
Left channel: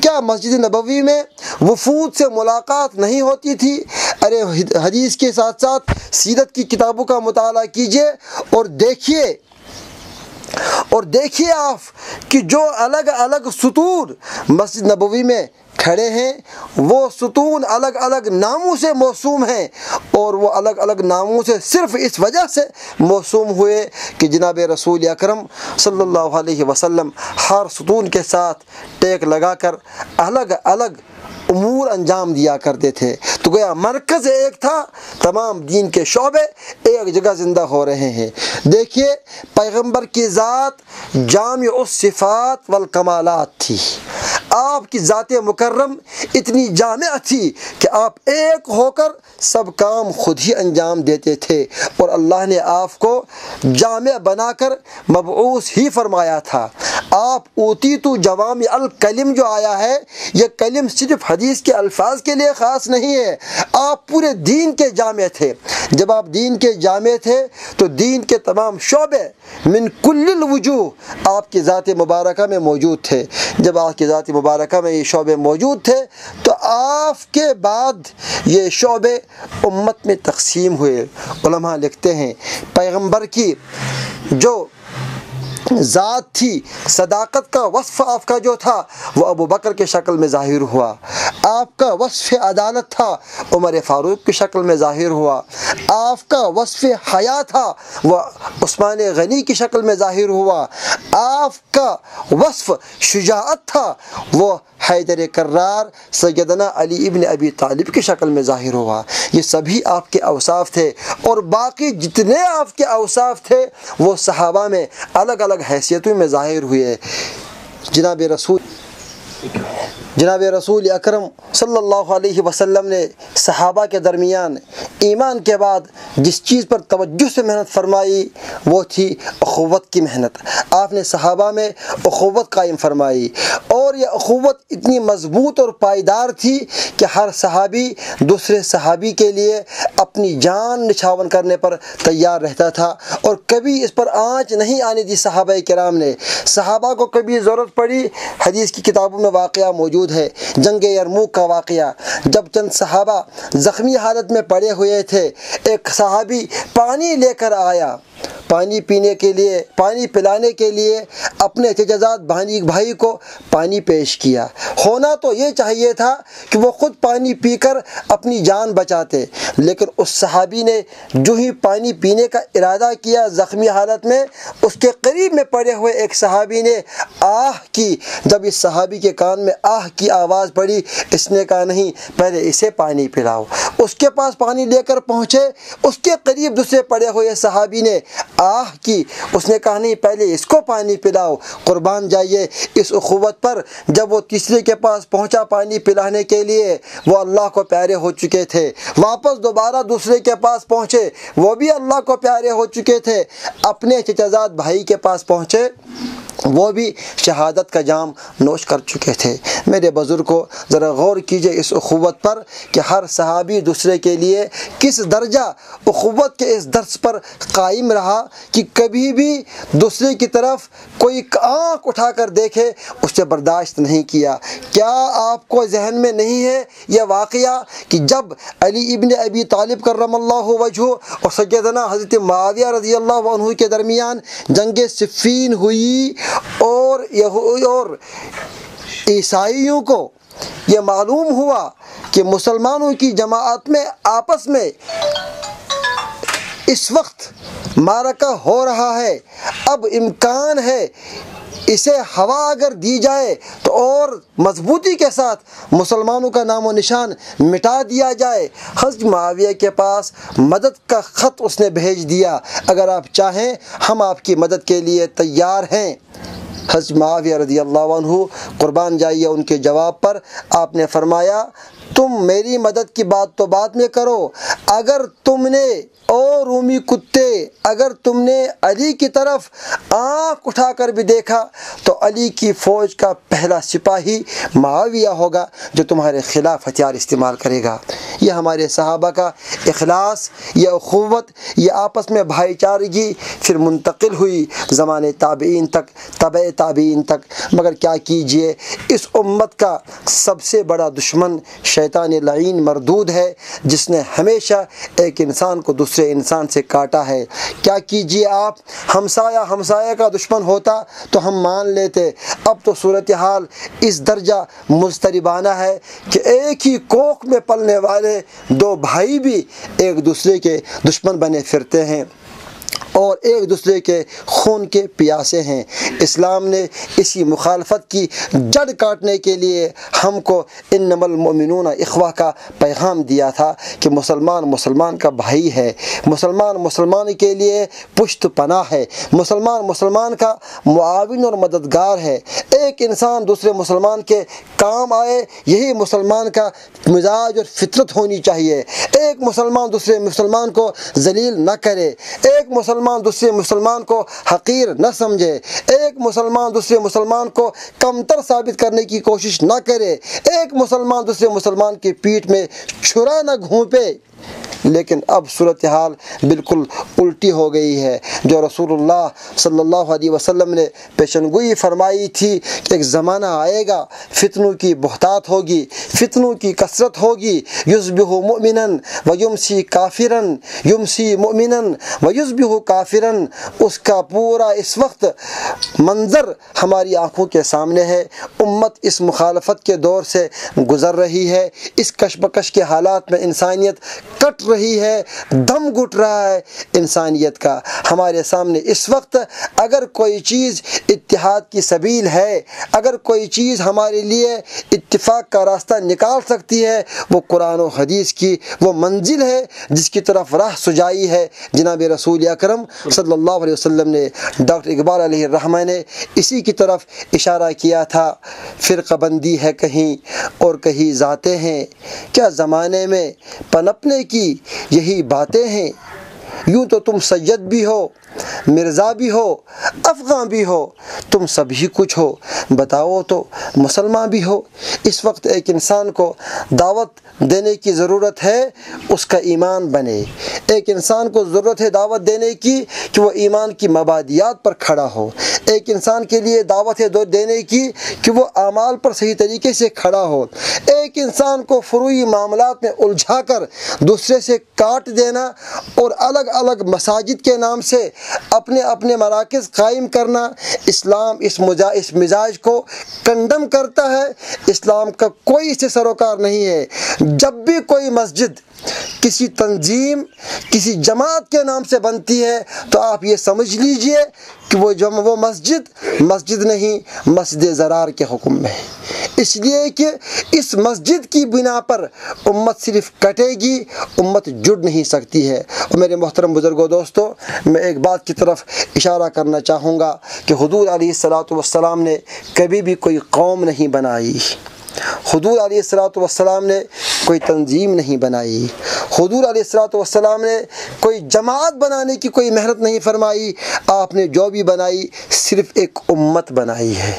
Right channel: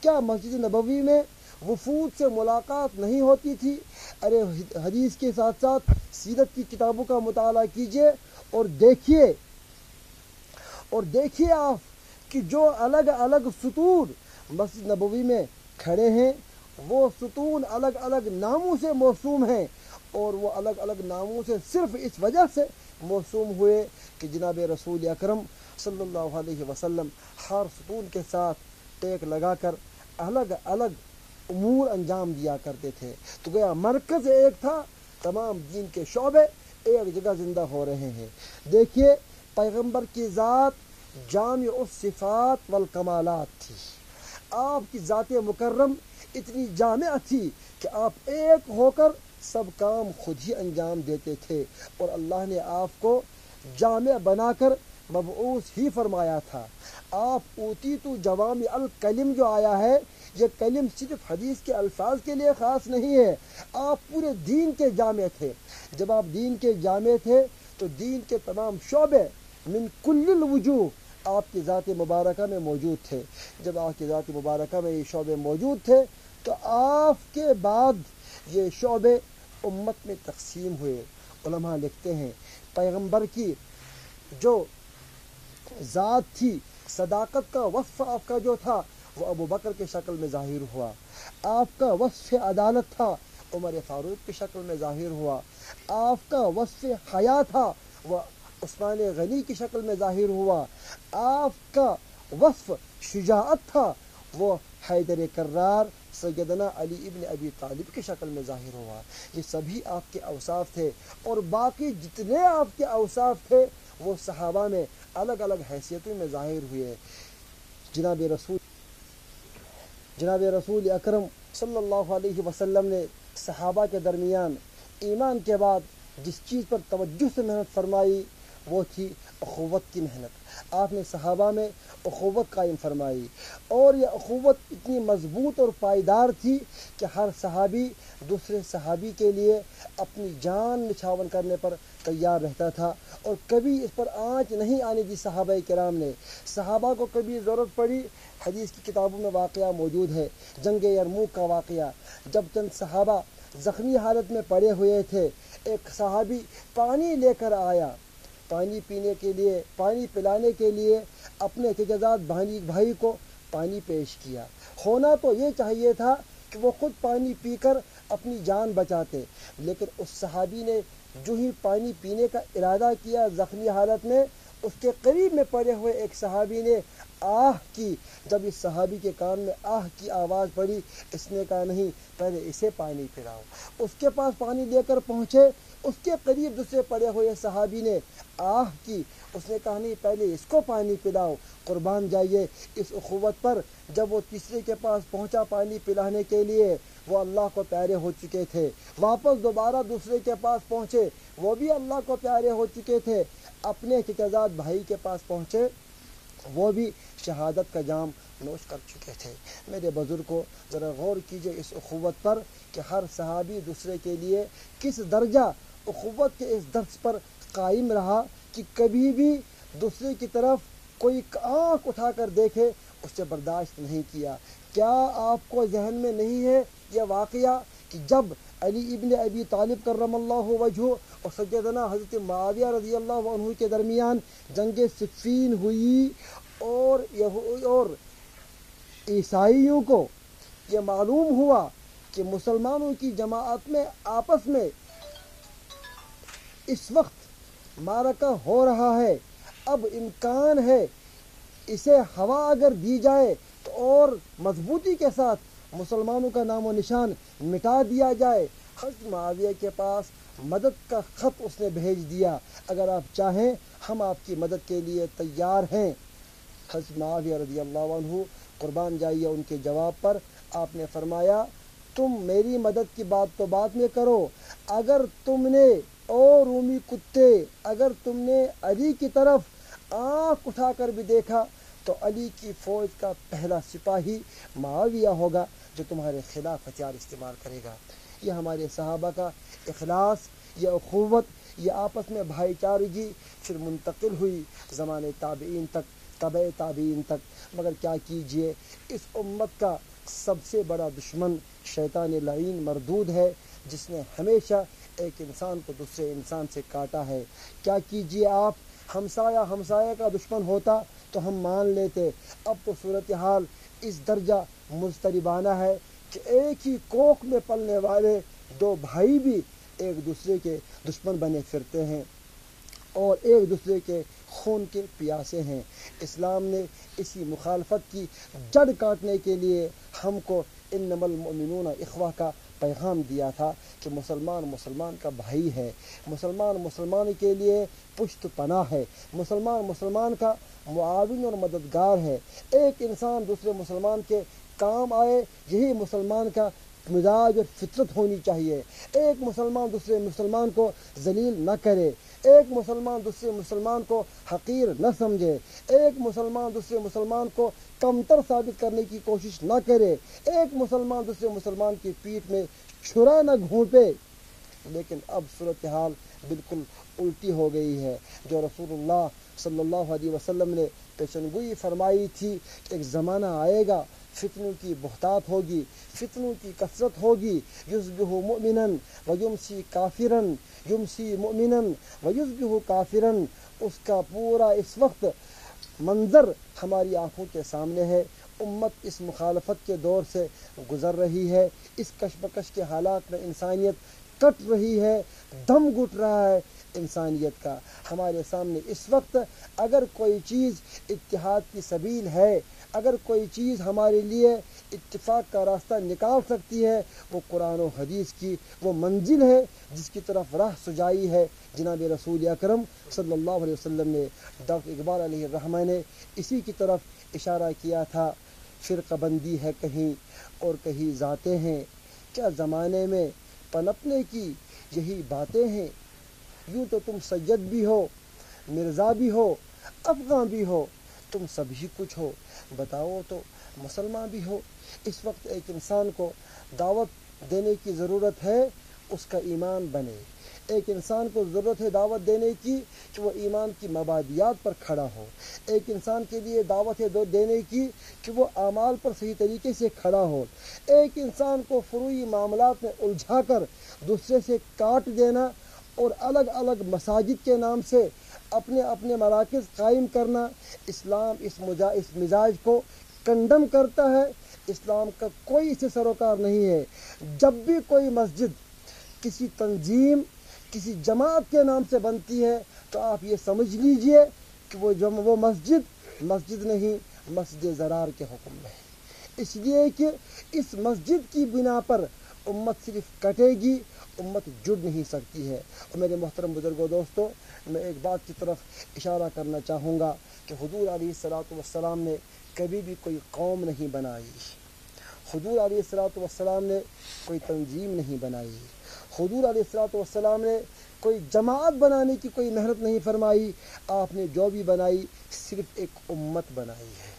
کیا مسجد نبوی میں وفود سے ملاقات نہیں ہوتی تھی؟ ارے حدیث کے ساتھ ساتھ سیرت کی کتابوں کا مطالعہ کیجئے اور دیکھیے آپ کہ جو الگ الگ سطور مسجد نبوی میں کھڑے ہیں وہ ستون الگ الگ ناموں سے موسوم ہیں، اور وہ الگ الگ ناموں سے صرف اس وجہ سے موسوم ہوئے کہ جناب رسول اکرم صلی اللہ علیہ وسلم ہر ستون کے ساتھ ٹیک لگا کر الگ الگ امور انجام دیا کرتے تھے۔ تو گویا مرکز ایک تھا، تمام دین کے شعبے ایک جگہ زندہ ہو رہے ہیں۔ دیکھیے پیغمبر کی ذات جامع الصفات والکمالات تھی، آپ کی ذات مکرم اتنی جامع تھی کہ آپ ایک ہو کر سب کام خود ہی انجام دیتے تھے، اور اللہ نے آپ کو جامع بنا کر مبعوث ہی فرمایا تھا۔ آپ اوتیتو جوامع الکلم جو آیا ہے، یہ کلم صرف حدیث کے الفاظ کے لیے خاص نہیں ہے، آپ پورے دین کے جامع تھے۔ جب آپ دین کے جامع تھے تو دین کے تمام شعبے من کل الوجوہ آپ کی ذات مبارکہ میں موجود تھے۔ جب آپ کی ذات مبارکہ میں یہ شعبے موجود تھے تو آپ کے بعد یہ شعبے امت میں تقسیم ہوئے۔ علماء لکھتے ہیں پیغمبر کی جو ذات تھی، صداقت کا وصف آپ کا جو تھا وہ ابو بکر کے شکل میں ظاہر ہوا، آپ کا وصف عدالت تھا عمر فاروق کی شکل میں ظاہر ہوا، آپ کا وصف حیا تھا وہ عثمان غنی کی شکل میں ظاہر ہوا، آپ کا وصف شجاعت تھا وہ حیدر کرار سیدنا علی ابن ابی طالب کی شکل میں ظاہر ہوا۔ یہ سبھی آپ کے اوصاف تھے، اور باقی جتنے آپ کے اوصاف تھے وہ صحابہ میں الگ الگ حیثیتوں میں ظاہر ہوئے۔ جناب رسول اکرم صلی اللہ علیہ وسلم نے صحابہ کے درمیان ایمان کے بعد جس چیز پر توجہ سے محنت فرمائی وہ تھی اخوت کی محنت۔ آپ نے صحابہ میں اخوت قائم فرمائی، اور یہ اخوت اتنی مضبوط اور پائیدار تھی کہ ہر صحابی دوسرے صحابی کے لیے اپنی جان نچھاور کرنے پر تیار رہتا تھا، اور کبھی اس پر آنچ نہیں آنے دی صحابہ کرام نے۔ صحابہ کو کبھی ضرورت پڑی، حدیث کی کتابوں میں واقعہ موجود ہے جنگ یرموک کا واقعہ، جب چند صحابہ زخمی حالت میں پڑے ہوئے تھے، ایک صحابی پانی لے کر آیا، پانی پینے کے لیے، پانی پلانے کے لیے اپنے چچزاد بھائی کو پانی پیش کیا۔ ہونا تو یہ چاہیے تھا کہ وہ خود پانی پی کر اپنی جان بچاتے، لیکن اس صحابی نے جو ہی پانی پینے کا ارادہ کیا زخمی حالت میں، اس کے قریب میں پڑے ہوئے ایک صحابی نے آہ کی۔ جب اس صحابی کے کان میں آہ کی آواز پڑی، اس نے کہا نہیں، پہلے اسے پانی پلاؤ۔ اس کے پاس پانی لے کر پہنچے، اس کے قریب دوسرے پڑے ہوئے صحابی نے آہ کی، اس نے کہا نہیں، پہلے اس کو پانی پلاؤ۔ قربان جائیے اس اخوت پر، جب وہ تیسرے کے پاس پہنچا پانی پلانے کے لیے، وہ اللہ کو پیارے ہو چکے تھے، واپس دوبارہ دوسرے کے پاس پہنچے، وہ بھی اللہ کو پیارے ہو چکے تھے، اپنے چچزاد بھائی کے پاس پہنچے، وہ بھی شہادت کا جام نوش کر چکے تھے۔ میرے بزرگوں ذرا غور کیجئے اس اخوت پر کہ ہر صحابی دوسرے کے لیے کس درجہ اخوت کے اس درس پر قائم رہا کہ کبھی بھی دوسرے کی طرف کوئی آنکھ اٹھا کر دیکھے اس سے برداشت نہیں کیا۔ کیا آپ کو ذہن میں نہیں ہے یہ واقعہ کہ جب علی ابن ابی طالب کرم اللہ وجہہ اور سیدنا حضرت معاویہ رضی اللہ عنہ کے درمیان جنگ صفین ہوئی، اور عیسائیوں کو یہ معلوم ہوا کہ مسلمانوں کی جماعت میں آپس میں اس وقت معرکہ ہو رہا ہے، اب امکان ہے اسے ہوا اگر دی جائے تو اور مضبوطی کے ساتھ مسلمانوں کا نام و نشان مٹا دیا جائے۔ حضرت معاویہ کے پاس مدد کا خط اس نے بھیج دیا، اگر آپ چاہیں ہم آپ کی مدد کے لیے تیار ہیں۔ حضرت معاویہ رضی اللہ عنہ قربان جائیے ان کے جواب پر آپ نے فرمایا، تم میری مدد کی بات تو بعد میں کرو، اگر تم نے او رومی کتے اگر تم نے علی کی طرف آنکھ اٹھا کر بھی دیکھا تو علی کی فوج کا پہلا سپاہی معاویہ ہوگا جو تمہارے خلاف ہتھیار استعمال کرے گا۔ یہ ہمارے صحابہ کا اخلاص، یہ اخوت، یہ آپس میں بھائی چارگی پھر منتقل ہوئی زمانے تابعین تک، تبع تابعین تک۔ مگر کیا کیجئے، اس امت کا سب سے بڑا دشمن شیطان لعین مردود ہے، جس نے ہمیشہ ایک انسان کو دوسرے انسان سے کاٹا ہے۔ کیا کیجئے آپ، ہمسایہ کا دشمن ہوتا تو ہم مان لیتے، اب تو صورتحال اس درجہ مضطربانہ ہے کہ ایک ہی کوکھ میں پلنے والے دو بھائی بھی ایک دوسرے کے دشمن بنے پھرتے ہیں اور ایک دوسرے کے خون کے پیاسے ہیں۔ اسلام نے اسی مخالفت کی جڑ کاٹنے کے لیے ہم کو انما المؤمنون اخوہ کا پیغام دیا تھا کہ مسلمان کا بھائی ہے، مسلمان کے لیے پشت پناہ ہے، مسلمان کا معاون اور مددگار ہے۔ ایک انسان دوسرے مسلمان کے کام آئے، یہی مسلمان کا مزاج اور فطرت ہونی چاہیے۔ ایک مسلمان دوسرے مسلمان کو ذلیل نہ کرے، ایک مسلمان دوسرے مسلمان کو حقیر نہ سمجھے، ایک مسلمان دوسرے مسلمان کو کمتر ثابت کرنے کی کوشش نہ کرے، ایک مسلمان دوسرے مسلمان کی پیٹھ میں چھرا نہ گھونپے۔ لیکن اب صورتحال بالکل الٹی ہو گئی ہے۔ جو رسول اللہ صلی اللہ علیہ وسلم نے پیشنگوئی فرمائی تھی کہ ایک زمانہ آئے گا، فتنوں کی بہتات ہوگی، فتنوں کی کثرت ہوگی، یصبح مؤمنا ویمسی کافرا، یمسی مؤمنا ویصبح کافرا، اس کا پورا اس وقت منظر ہماری آنکھوں کے سامنے ہے۔ امت اس مخالفت کے دور سے گزر رہی ہے، اس کشمکش کے حالات میں انسانیت کٹ رہی ہے، دم گھٹ رہا ہے انسانیت کا۔ ہمارے سامنے اس وقت اگر کوئی چیز اتحاد کی سبیل ہے، اگر کوئی چیز ہمارے لیے اتفاق کا راستہ نکال سکتی ہے، وہ قرآن و حدیث کی وہ منزل ہے جس کی طرف راہ سجائی ہے جناب رسول اکرم صلی اللہ علیہ وسلم نے۔ ڈاکٹر اقبال علیہ الرحمہ نے اسی کی طرف اشارہ کیا تھا، فرقہ بندی ہے کہیں اور کہیں ذاتیں ہیں، کیا زمانے میں پنپنے کی یہی باتیں ہیں، یوں تو تم سید بھی ہو، مرزا بھی ہو، افغاں بھی ہو، تم سبھی کچھ ہو، بتاؤ تو مسلمان بھی ہو۔ اس وقت ایک انسان کو دعوت دینے کی ضرورت ہے اس کا ایمان بنے، ایک انسان کو ضرورت ہے دعوت دینے کی کہ وہ ایمان کی مبادیات پر کھڑا ہو، ایک انسان کے لیے دعوت ہے دینے کی کہ وہ اعمال پر صحیح طریقے سے کھڑا ہو۔ ایک انسان کو فروعی معاملات میں الجھا کر دوسرے سے کاٹ دینا اور الگ الگ مساجد کے نام سے اپنے مراکز قائم کرنا، اسلام اس مزاج کو کنڈم کرتا ہے۔ اسلام کا کوئی اس سے سروکار نہیں ہے۔ جب بھی کوئی مسجد کسی تنظیم کسی جماعت کے نام سے بنتی ہے تو آپ یہ سمجھ لیجئے کہ وہ مسجد نہیں، مسجد ضرار کے حکم میں ہے، اس لیے کہ اس مسجد کی بنا پر امت صرف کٹے گی، امت جڑ نہیں سکتی ہے۔ اور میرے محترم بزرگوں دوستو، میں ایک بات کی طرف اشارہ کرنا چاہوں گا کہ حضور علیہ السلام نے کبھی بھی کوئی قوم نہیں بنائی، حضور علیہ السلام نے کوئی تنظیم نہیں بنائی، حضور علیہ السلام نے کوئی جماعت بنانے کی کوئی محنت نہیں فرمائی۔ آپ نے جو بھی بنائی صرف ایک امت بنائی ہے،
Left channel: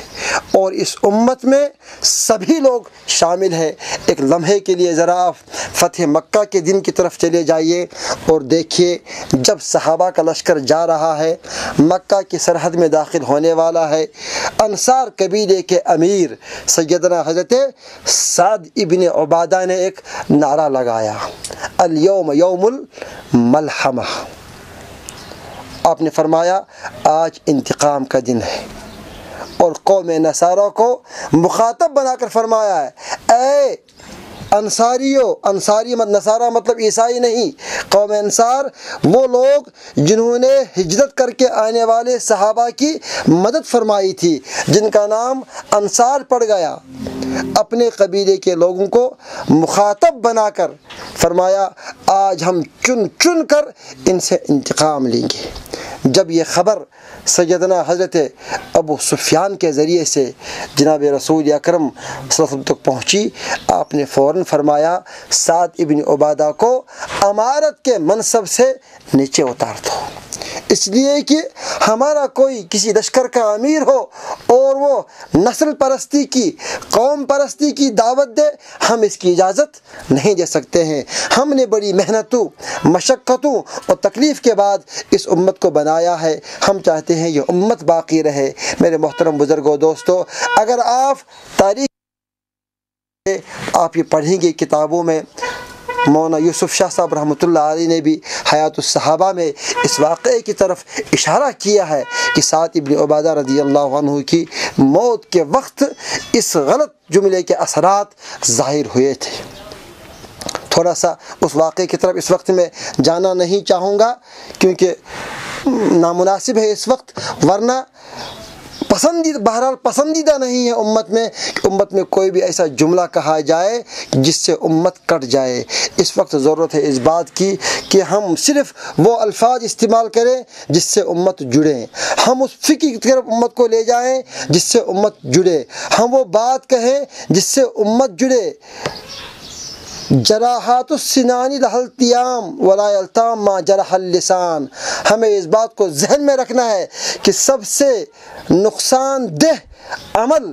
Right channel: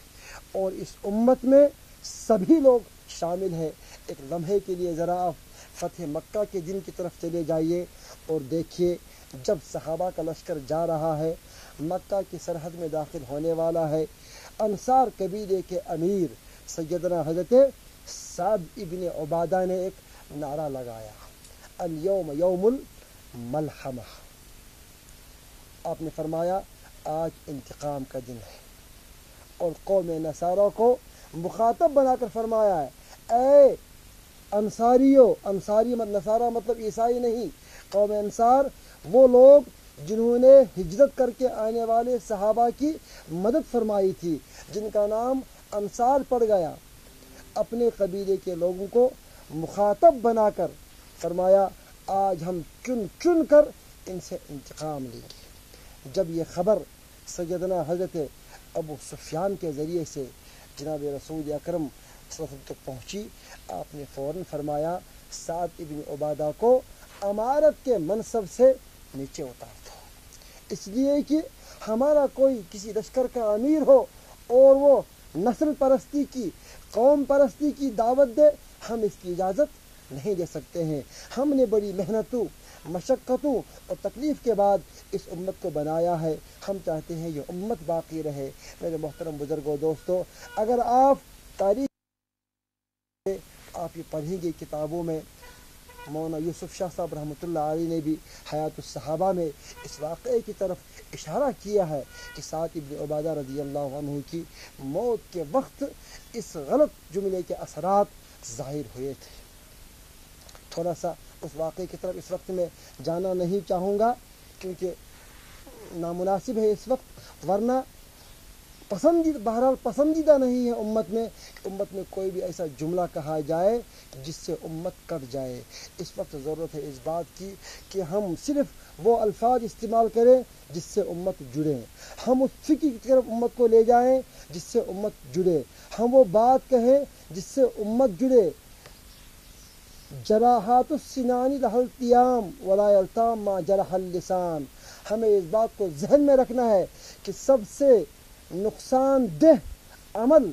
اور اس امت میں سبھی لوگ شامل ہیں۔ ایک لمحے کے لیے ذرا آپ فتح مکہ کے دن کی طرف چلے جائیے اور دیکھیے، جب صحابہ کا لشکر جا رہا ہے، مکہ کی سرحد میں داخل ہونے والا ہے، انصار قبیلے کے امیر سیدنا حضرت سعد ابن عبادہ نے ایک نعرہ لگایا، الیوم یوم الملحمہ۔ آپ نے فرمایا آج انتقام کا دن ہے، اور قوم نصارہ کو مخاطب بنا کر فرمایا ہے، اے انصاری نصارہ مطلب عیسائی نہیں، قوم انصار وہ لوگ جنہوں نے ہجرت کر کے آنے والے صحابہ کی مدد فرمائی تھی، جن کا نام انصار پڑ گیا۔ اپنے قبیلے کے لوگوں کو مخاطب بنا کر فرمایا آج ہم چن کر ان سے انتقام لیں گے۔ جب یہ خبر سیدنا حضرت ابو سفیان کے ذریعے سے جناب رسول اکرم صلی اللہ علیہ وسلم تک پہنچی، آپ نے فوراً فرمایا سعد ابن عبادہ کو امارت کے منصب سے نیچے اتار دو، اس لیے کہ ہمارا کوئی کسی لشکر کا امیر ہو اور وہ نسل پرستی کی، قوم پرستی کی دعوت دے، ہم اس کی اجازت نہیں دے سکتے ہیں۔ ہم نے بڑی محنتوں، مشقتوں اور تکلیف کے بعد اس امت کو بنایا ہے، ہم چاہتے ہیں یہ امت باقی رہے۔ میرے محترم بزرگوں دوستو، اگر آپ تاریخ آپ یہ پڑھیں گے کتابوں میں، مولانا یوسف شاہ صاحب رحمۃ اللہ علیہ نے بھی حیات الصحابہ میں اس واقعے کی طرف اشارہ کیا ہے کہ سعد ابن عبادہ رضی اللہ عنہ کی موت کے وقت اس غلط جملے کے اثرات ظاہر ہوئے تھے۔ تھوڑا سا اس واقعے کی طرف اس وقت میں جانا نہیں چاہوں گا کیونکہ نامناسب ہے اس وقت، ورنہ بہرحال پسندیدہ نہیں ہے امت میں کوئی بھی ایسا جملہ کہا جائے جس سے امت کٹ جائے۔ اس وقت ضرورت ہے اس بات کی کہ ہم صرف وہ الفاظ استعمال کریں جس سے امت جڑے، ہم اس فکر کی طرف امت کو لے جائیں جس سے امت جڑے، ہم وہ بات کہیں جس سے امت جڑے۔ جراحات السنان لها التیام ولا یلتام ما جرح اللسان، ہمیں اس بات کو ذہن میں رکھنا ہے کہ سب سے نقصان دہ عمل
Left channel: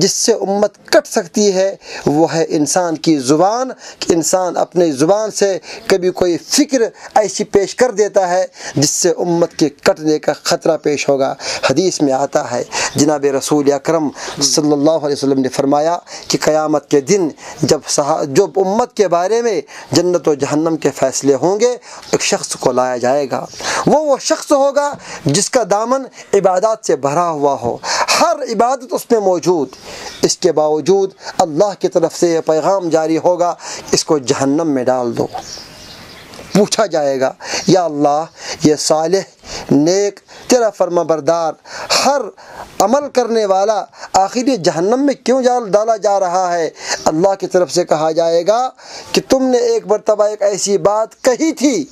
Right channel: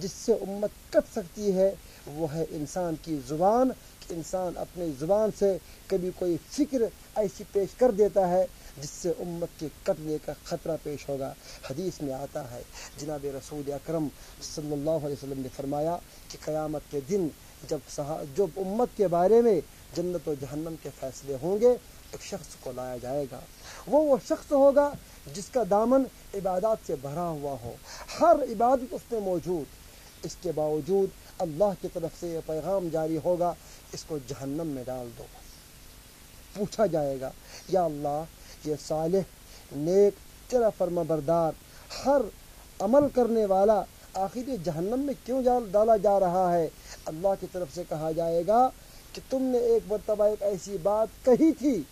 جس سے امت کٹ سکتی ہے وہ ہے انسان کی زبان، کہ انسان اپنے زبان سے کبھی کوئی فکر ایسی پیش کر دیتا ہے جس سے امت کے کٹنے کا خطرہ پیش ہوگا۔ حدیث میں آتا ہے، جناب رسول اکرم صلی اللہ علیہ وسلم نے فرمایا کہ قیامت کے دن جب امت کے بارے میں جنت و جہنم کے فیصلے ہوں گے، ایک شخص کو لایا جائے گا، وہ شخص ہوگا جس کا دامن عبادات سے بھرا ہوا ہو، ہر عبادت اس میں موجود، اس کے باوجود اللہ کی طرف سے یہ پیغام جاری ہوگا، اس کو جہنم میں ڈال دو۔ پوچھا جائے گا، یا اللہ یہ صالح نیک تیرا فرما بردار ہر عمل کرنے والا آخر یہ جہنم میں کیوں ڈالا جا رہا ہے؟ اللہ کی طرف سے کہا جائے گا کہ تم نے ایک مرتبہ ایک ایسی بات کہی تھی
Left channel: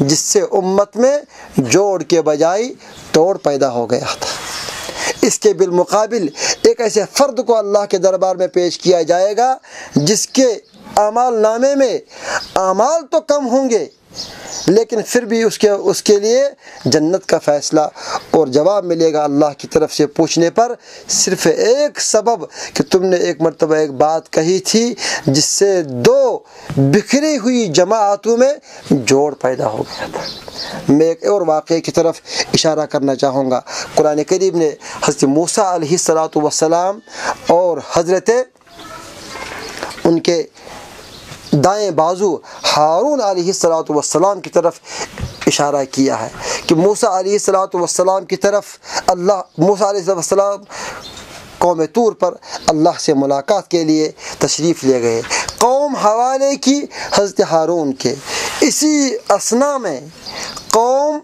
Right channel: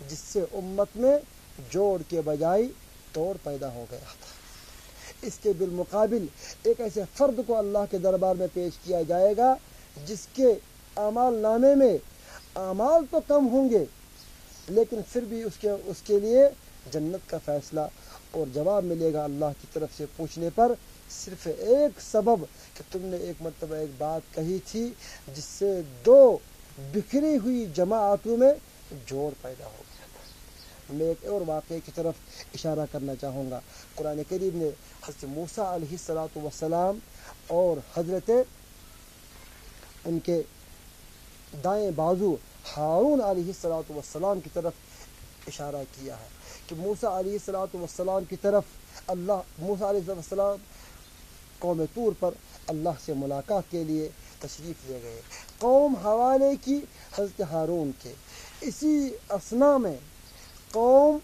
جس سے امت میں جوڑ کے بجائے توڑ پیدا ہو گیا تھا۔ اس کے بالمقابل ایک ایسے فرد کو اللہ کے دربار میں پیش کیا جائے گا جس کے اعمال نامے میں اعمال تو کم ہوں گے لیکن پھر بھی اس کے لیے جنت کا فیصلہ اور جواب ملے گا اللہ کی طرف سے پوچھنے پر، صرف ایک سبب کہ تم نے ایک مرتبہ ایک بات کہی تھی جس سے دو بکھری ہوئی جماعتوں میں جوڑ پیدا ہو گیا تھا۔ میں ایک اور واقعے کی طرف اشارہ کرنا چاہوں گا۔ قرآن کریم نے حضرت موسیٰ علیہ السلام اور حضرت ان کے دائیں بازو ہارون علیہ السلام کی طرف اشارہ کیا ہے کہ موسیٰ علیہ السلام کی طرف موسیٰ علیہ السلام قوم طور پر اللہ سے ملاقات کے لیے تشریف لے گئے، قوم حوالے کی حضرت ہارون کے۔ اسی اثنا میں قوم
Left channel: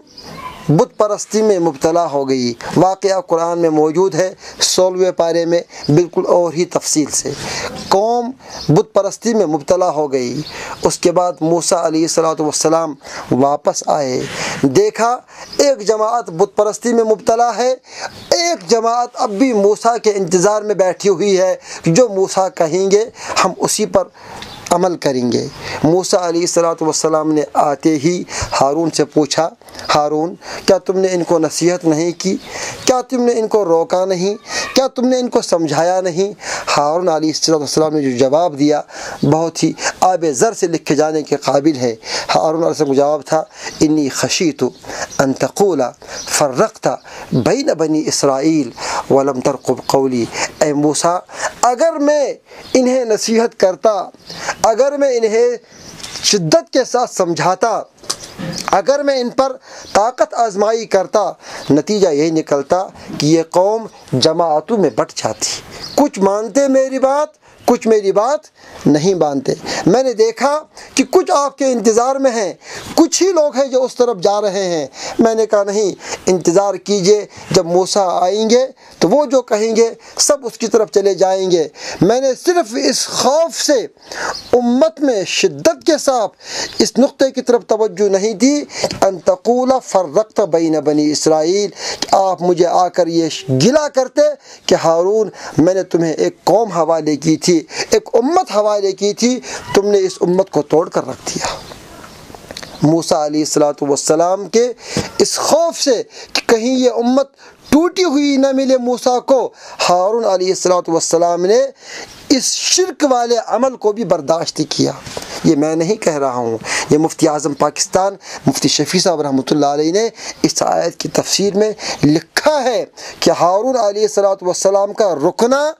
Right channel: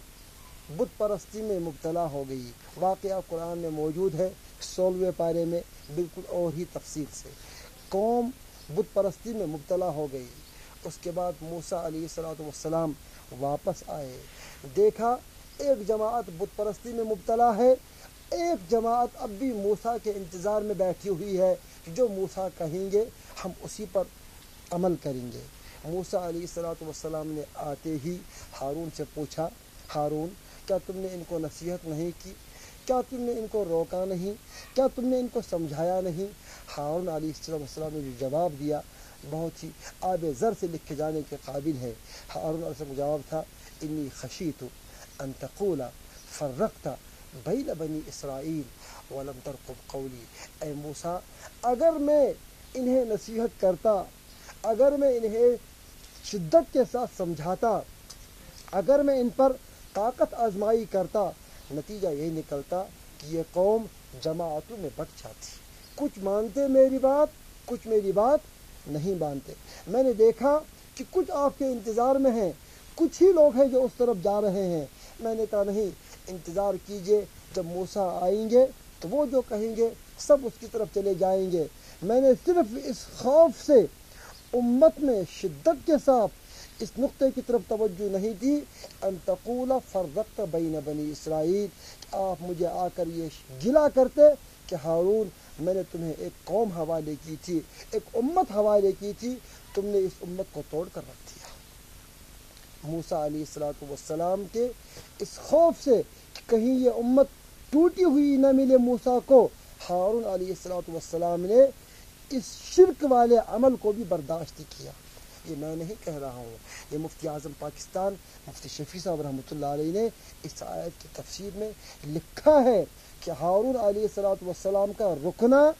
بت پرستی میں مبتلا ہو گئی، واقعہ قرآن میں موجود ہے 16ویں پارے میں بالکل اور ہی تفصیل سے۔ قوم بت پرستی میں مبتلا ہو گئی، اس کے بعد موسیٰ علیہ السلام واپس آئے، دیکھا ایک جماعت بت پرستی میں مبتلا ہے، ایک جماعت اب بھی موسیٰ کے انتظار میں بیٹھی ہوئی ہے، جو موسیٰ کہیں گے ہم اسی پر عمل کریں گے۔ موسیٰ علیہ السلام نے آتے ہی ہارون سے پوچھا، ہارون کیا تم نے ان کو نصیحت نہیں کی؟ کیا تم نے ان کو روکا نہیں؟ کیا تم نے ان کو سمجھایا نہیں؟ ہارون علیہ السلام نے جو جواب دیا بہت ہی آب زر سے لکھے جانے کے قابل ہے۔ ہارون علیہ السلام کا جواب تھا، انی خشیت ان تقول فرقت بین بنی اسرائیل ولم ترقب قولی۔ اے موسیٰ، اگر میں انہیں نصیحت کرتا، اگر میں انہیں شدت کے ساتھ سمجھاتا، اگر میں ان پر طاقت آزمائی کرتا، نتیجہ یہی نکلتا کہ یہ قوم جماعتوں میں بٹ جاتی، کچھ مانتے میری بات، کچھ میری بات نہیں مانتے۔ میں نے دیکھا کہ کچھ آپ کے انتظار میں ہیں، کچھ ہی لوگ ہیں جو اس طرف جا رہے ہیں۔ میں نے کہا نہیں، انتظار کیجئے، جب موسیٰ آئیں گے تو وہ جو کہیں گے سب اس کی طرف چلے جائیں گے۔ میں نے صرف اس خوف سے امت میں شدت کے ساتھ اس نقطے کی طرف توجہ نہیں دی ان تقول فرقت بین بنی اسرائیل، کہ آپ مجھے آ کر یہ گلا کرتے کہ ہارون میں نے تمہیں ایک قوم حوالے کی تھی، ایک امت حوالے کی تھی، تم نے اس امت کو توڑ کر رکھ دیا۔ موسیٰ علیہ السلام کے اس خوف سے کہ کہیں یہ امت ٹوٹی ہوئی نہ ملے موسیٰ کو، ہارون علیہ السلام نے اس شرک والے عمل کو بھی برداشت کیا۔ یہ میں نہیں کہہ رہا ہوں، یہ مفتی اعظم پاکستان مفتی شفیع صاحب رحمۃ اللہ علیہ نے اس آیت کی تفسیر میں لکھا ہے کہ ہارون علیہ السلام کا رکنا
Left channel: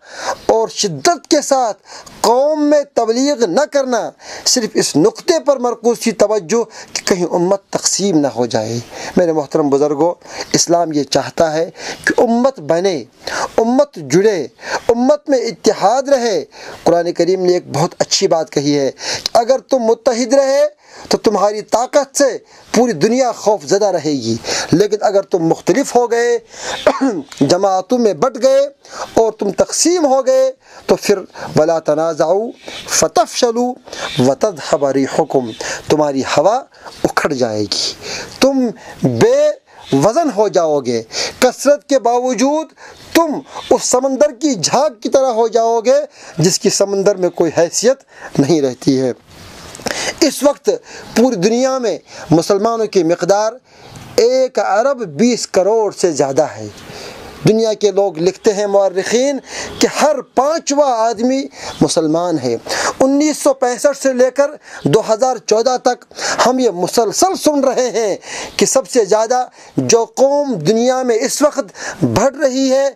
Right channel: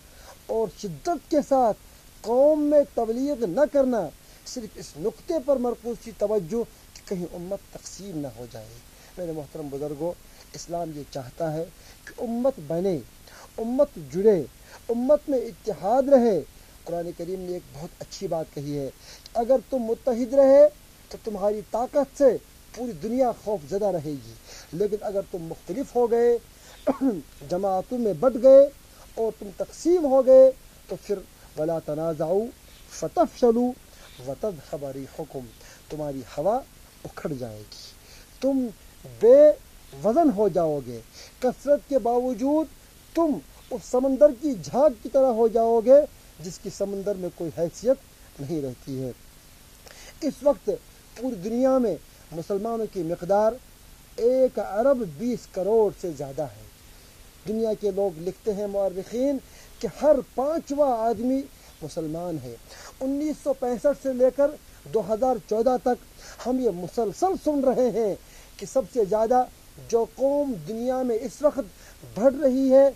اور شدت کے ساتھ قوم میں تبلیغ نہ کرنا صرف اس نقطے پر مرکوز تھی توجہ کہ کہیں امت تقسیم نہ ہو جائے۔ میرے محترم بزرگوں، اسلام یہ چاہتا ہے کہ امت بنے، امت جڑے، امت میں اتحاد رہے۔ قرآن کریم نے ایک بہت اچھی بات کہی ہے کہ اگر تم متحد رہے تو تمہاری طاقت سے پوری دنیا خوف زدہ رہے گی، لیکن اگر تم مختلف ہو گئے، جماعتوں میں بٹ گئے اور تم تقسیم ہو گئے تو پھر وَلَا تَنَازَعُوا فَتَفْشَلُوا وَتَذْهَبَ رِيحُكُمْ، تمہاری ہوا اکھڑ جائے گی، تم بے وزن ہو جاؤ گے، کثرت کے باوجود تم اس سمندر کی جھاگ کی طرح ہو جاؤ گے جس کی سمندر میں کوئی حیثیت نہیں رہتی ہے۔ اس وقت پوری دنیا میں مسلمانوں کی مقدار 1 ارب 20 کروڑ سے زیادہ ہے۔ دنیا کے لوگ لکھتے ہیں مورخین کہ ہر 5واں آدمی مسلمان ہے۔ 1965 سے لے کر 2014 تک ہم یہ مسلسل سن رہے ہیں کہ سب سے زیادہ جو قوم دنیا میں اس وقت بڑھ رہی ہے،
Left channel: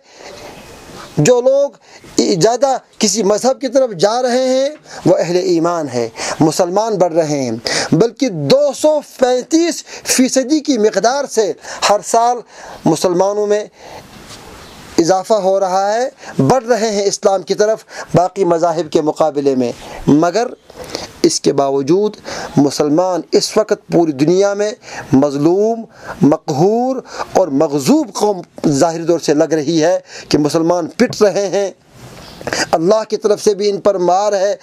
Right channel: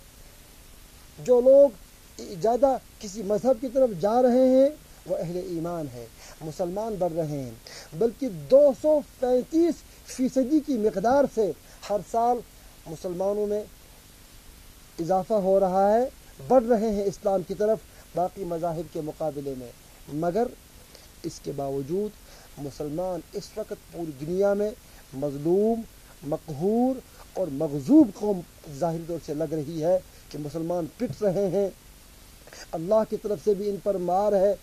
جو لوگ زیادہ کسی مذہب کی طرف جا رہے ہیں وہ اہل ایمان ہے، مسلمان بڑھ رہے ہیں، بلکہ 235% کی مقدار سے ہر سال مسلمانوں میں اضافہ ہو رہا ہے، بڑھ رہے ہیں اسلام کی طرف باقی مذاہب کے مقابلے میں۔ مگر اس کے باوجود مسلمان اس وقت پوری دنیا میں مظلوم، مقہور اور مغضوب قوم ظاہری طور سے لگ رہی ہے کہ مسلمان پٹ رہے ہیں، اللہ کی طرف سے بھی ان پر مار ہے۔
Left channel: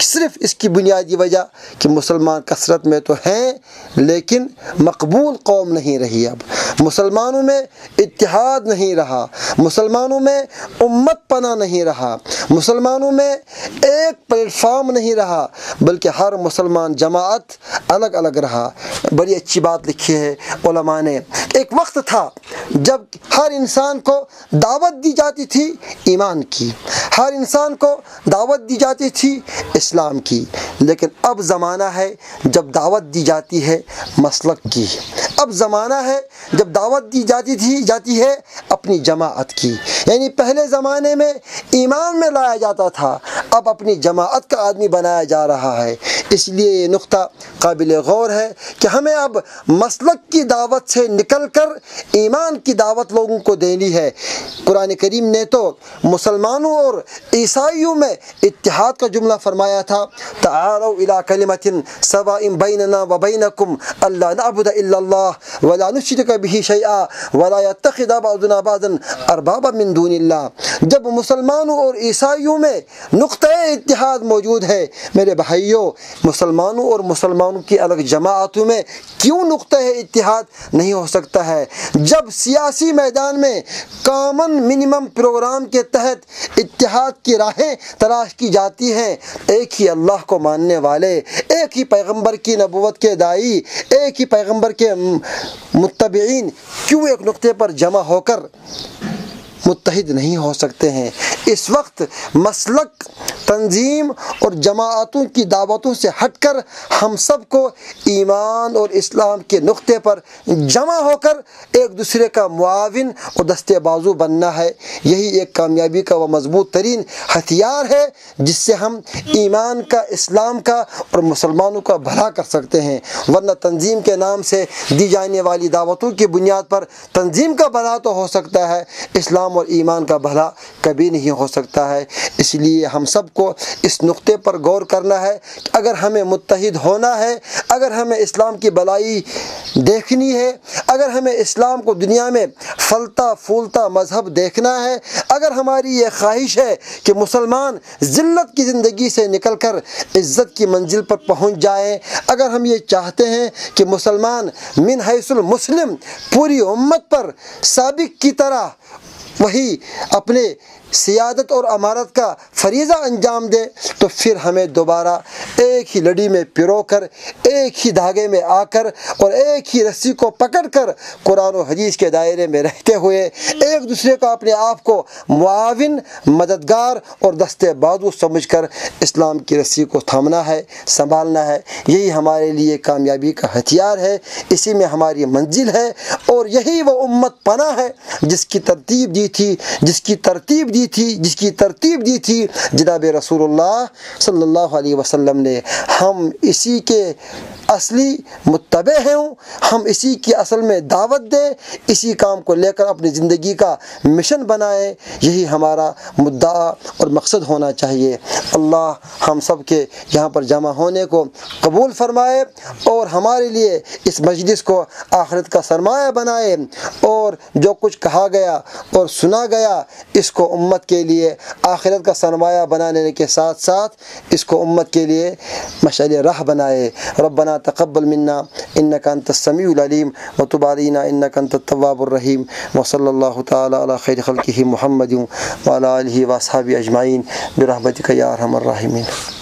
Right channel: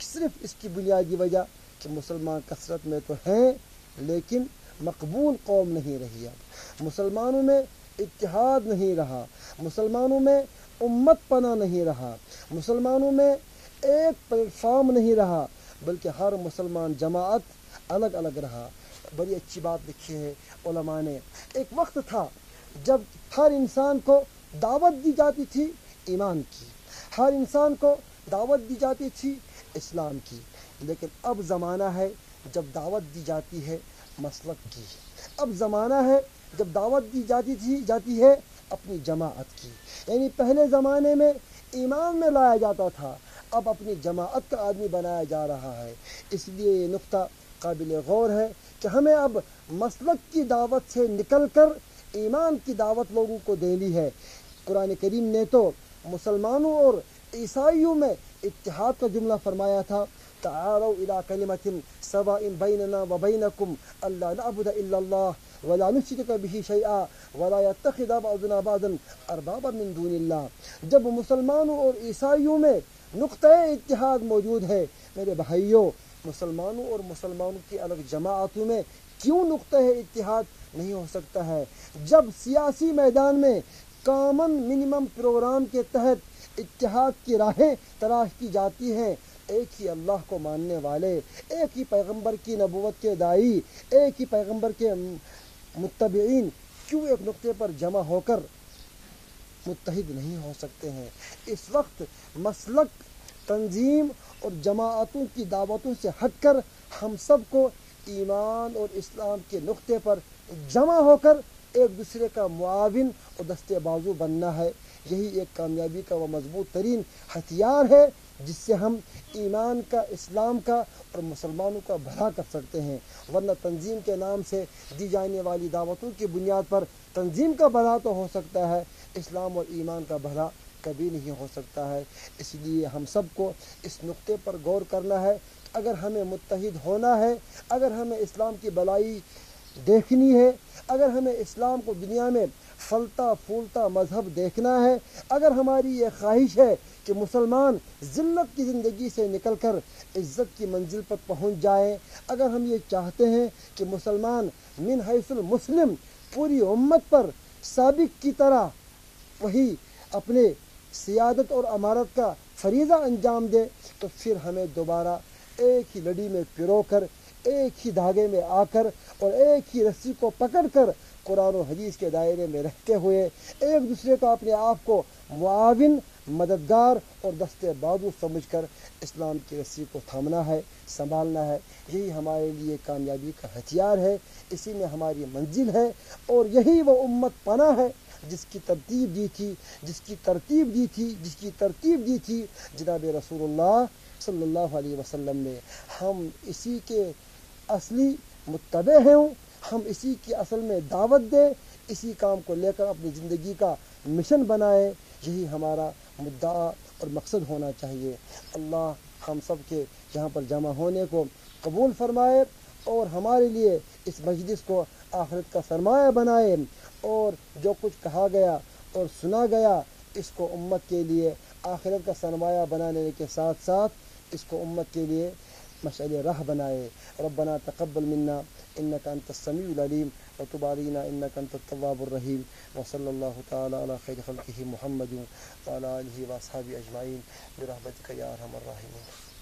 صرف اس کی بنیادی وجہ کہ مسلمان کثرت میں تو ہیں لیکن مقبول قوم نہیں رہی، اب مسلمانوں میں اتحاد نہیں رہا، مسلمانوں میں امت پناہ نہیں رہا، مسلمانوں میں ایک پلیٹ فارم نہیں رہا، بلکہ ہر مسلمان جماعت الگ الگ رہا۔ بڑی اچھی بات لکھی ہے علماء نے، ایک وقت تھا جب ہر انسان کو دعوت دی جاتی تھی ایمان کی، ہر انسان کو دعوت دی جاتی تھی اسلام کی، لیکن اب زمانہ ہے جب دعوت دی جاتی ہے مسلک کی، اب زمانہ ہے جب دعوت دی جاتی ہے اپنی جماعت کی۔ یعنی پہلے زمانے میں ایمان میں لایا جاتا تھا، اب اپنی جماعت کا آدمی بنایا جا رہا ہے۔ اس لیے یہ نقطہ قابل غور ہے کہ ہمیں اب مسلک کی دعوت سے نکل کر ایمان کی دعوت لوگوں کو دینی ہے۔ قرآن کریم نے تو مسلمانوں اور عیسائیوں میں اتحاد کا جملہ فرمایا تھا، تعالوا الی کلمۃ سواء بیننا وبینکم الا نعبد الا اللہ ولا نشرک بہ شیئا ولا یتخذ بعضنا بعضا اربابا من دون اللہ۔ جب مسلمانوں اور عیسائیوں میں نقطہ اتحاد موجود ہے، میرے بھائیوں، مسلمانوں اور مسلمانوں کی الگ جماعتوں میں کیوں نقطہ اتحاد نہیں ہو سکتا ہے؟ جب سیاسی میدان میں کامن منیمم پروگرام کے تحت اتحاد کی راہیں تلاش کی جاتی ہیں، ایک ہی اللہ کو ماننے والے، ایک ہی پیغمبر کی نبوت کے داعی، ایک ہی پیغمبر کے متبعین کیوں ایک نقطے پر جمع ہو کر متحد نہیں ہو سکتے ہیں؟ اس وقت مسلک، تنظیم اور جماعتوں کی دعوتوں سے ہٹ کر ہم سب کو ایمان اور اسلام کے نقطے پر جمع ہو کر ایک دوسرے کا معاون اور دستے بازو بننا ہے۔ یہی ایک کامیابی کا وہ مضبوط ترین ہتھیار ہے جس سے ہم ایمان کا، اسلام کا اور مسلمانوں کا بھلا کر سکتے ہیں، ورنہ تنظیم کے نام سے دی جانے والی دعوتوں کی بنیاد پر تنظیم کا بھلا تو ہو سکتا ہے، اسلام اور ایمان کا بھلا کبھی نہیں ہو سکتا ہے۔ اس لیے ہم سب کو اس نقطے پر غور کرنا ہے کہ اگر ہمیں متحد ہونا ہے، اگر ہمیں اسلام کی بھلائی دیکھنی ہے، اگر ہمیں اسلام کو دنیا میں پھلتا پھولتا مذہب دیکھنا ہے، اگر ہماری یہ خواہش ہے کہ مسلمان ذلت کی زندگی سے نکل کر عزت کی منزل پر پہنچ جائیں، اگر ہم یہ چاہتے ہیں کہ مسلمان من حیث المسلم پوری امت پر سابق کی طرح وہی اپنے سیادت اور امارت کا فریضہ انجام دے تو پھر ہمیں دوبارہ ایک ہی لڑی میں پرو کر، ایک ہی دھاگے میں آ کر اور ایک ہی رسی کو پکڑ کر قرآن و حدیث کے دائرے میں رہتے ہوئے ایک دوسرے کو اپنے آپ کو معاون، مددگار اور دستے بازو سمجھ کر اسلام کی رسی کو تھامنا ہے، سنبھالنا ہے۔ یہی ہمارے لیے کامیابی کا ہتھیار ہے، اسی میں ہماری منزل ہے، اور یہی وہ امت پناہ ہے جس کی ترتیب دی تھی جناب رسول اللہ صلی اللہ علیہ وسلم نے۔ ہم اسی کے اصلی متبع ہیں، ہم اسی کی اصل میں دعوت دیں، اسی کام کو لے کر اپنی زندگی کا مشن بنائیں، یہی ہمارا مدعا اور مقصد ہونا چاہیے۔ اللہ ہم سب کے یہاں پر جمع ہونے کو قبول فرمائے اور ہمارے لیے اس مجلس کو آخرت کا سرمایہ بنائے، اور جو کچھ کہا گیا اور سنا گیا اس کو امت کے لیے آخرت کا سرمایہ بنانے کے ساتھ ساتھ اس کو امت کے لیے مشعل راہ بنائے۔ ربنا تقبل منا انك انت السميع العليم وتب علينا انك انت التواب الرحيم وصلى الله تعالى على خير خلقه محمد وعلى اله واصحابه اجمعين برحمتك يا ارحم الراحمين۔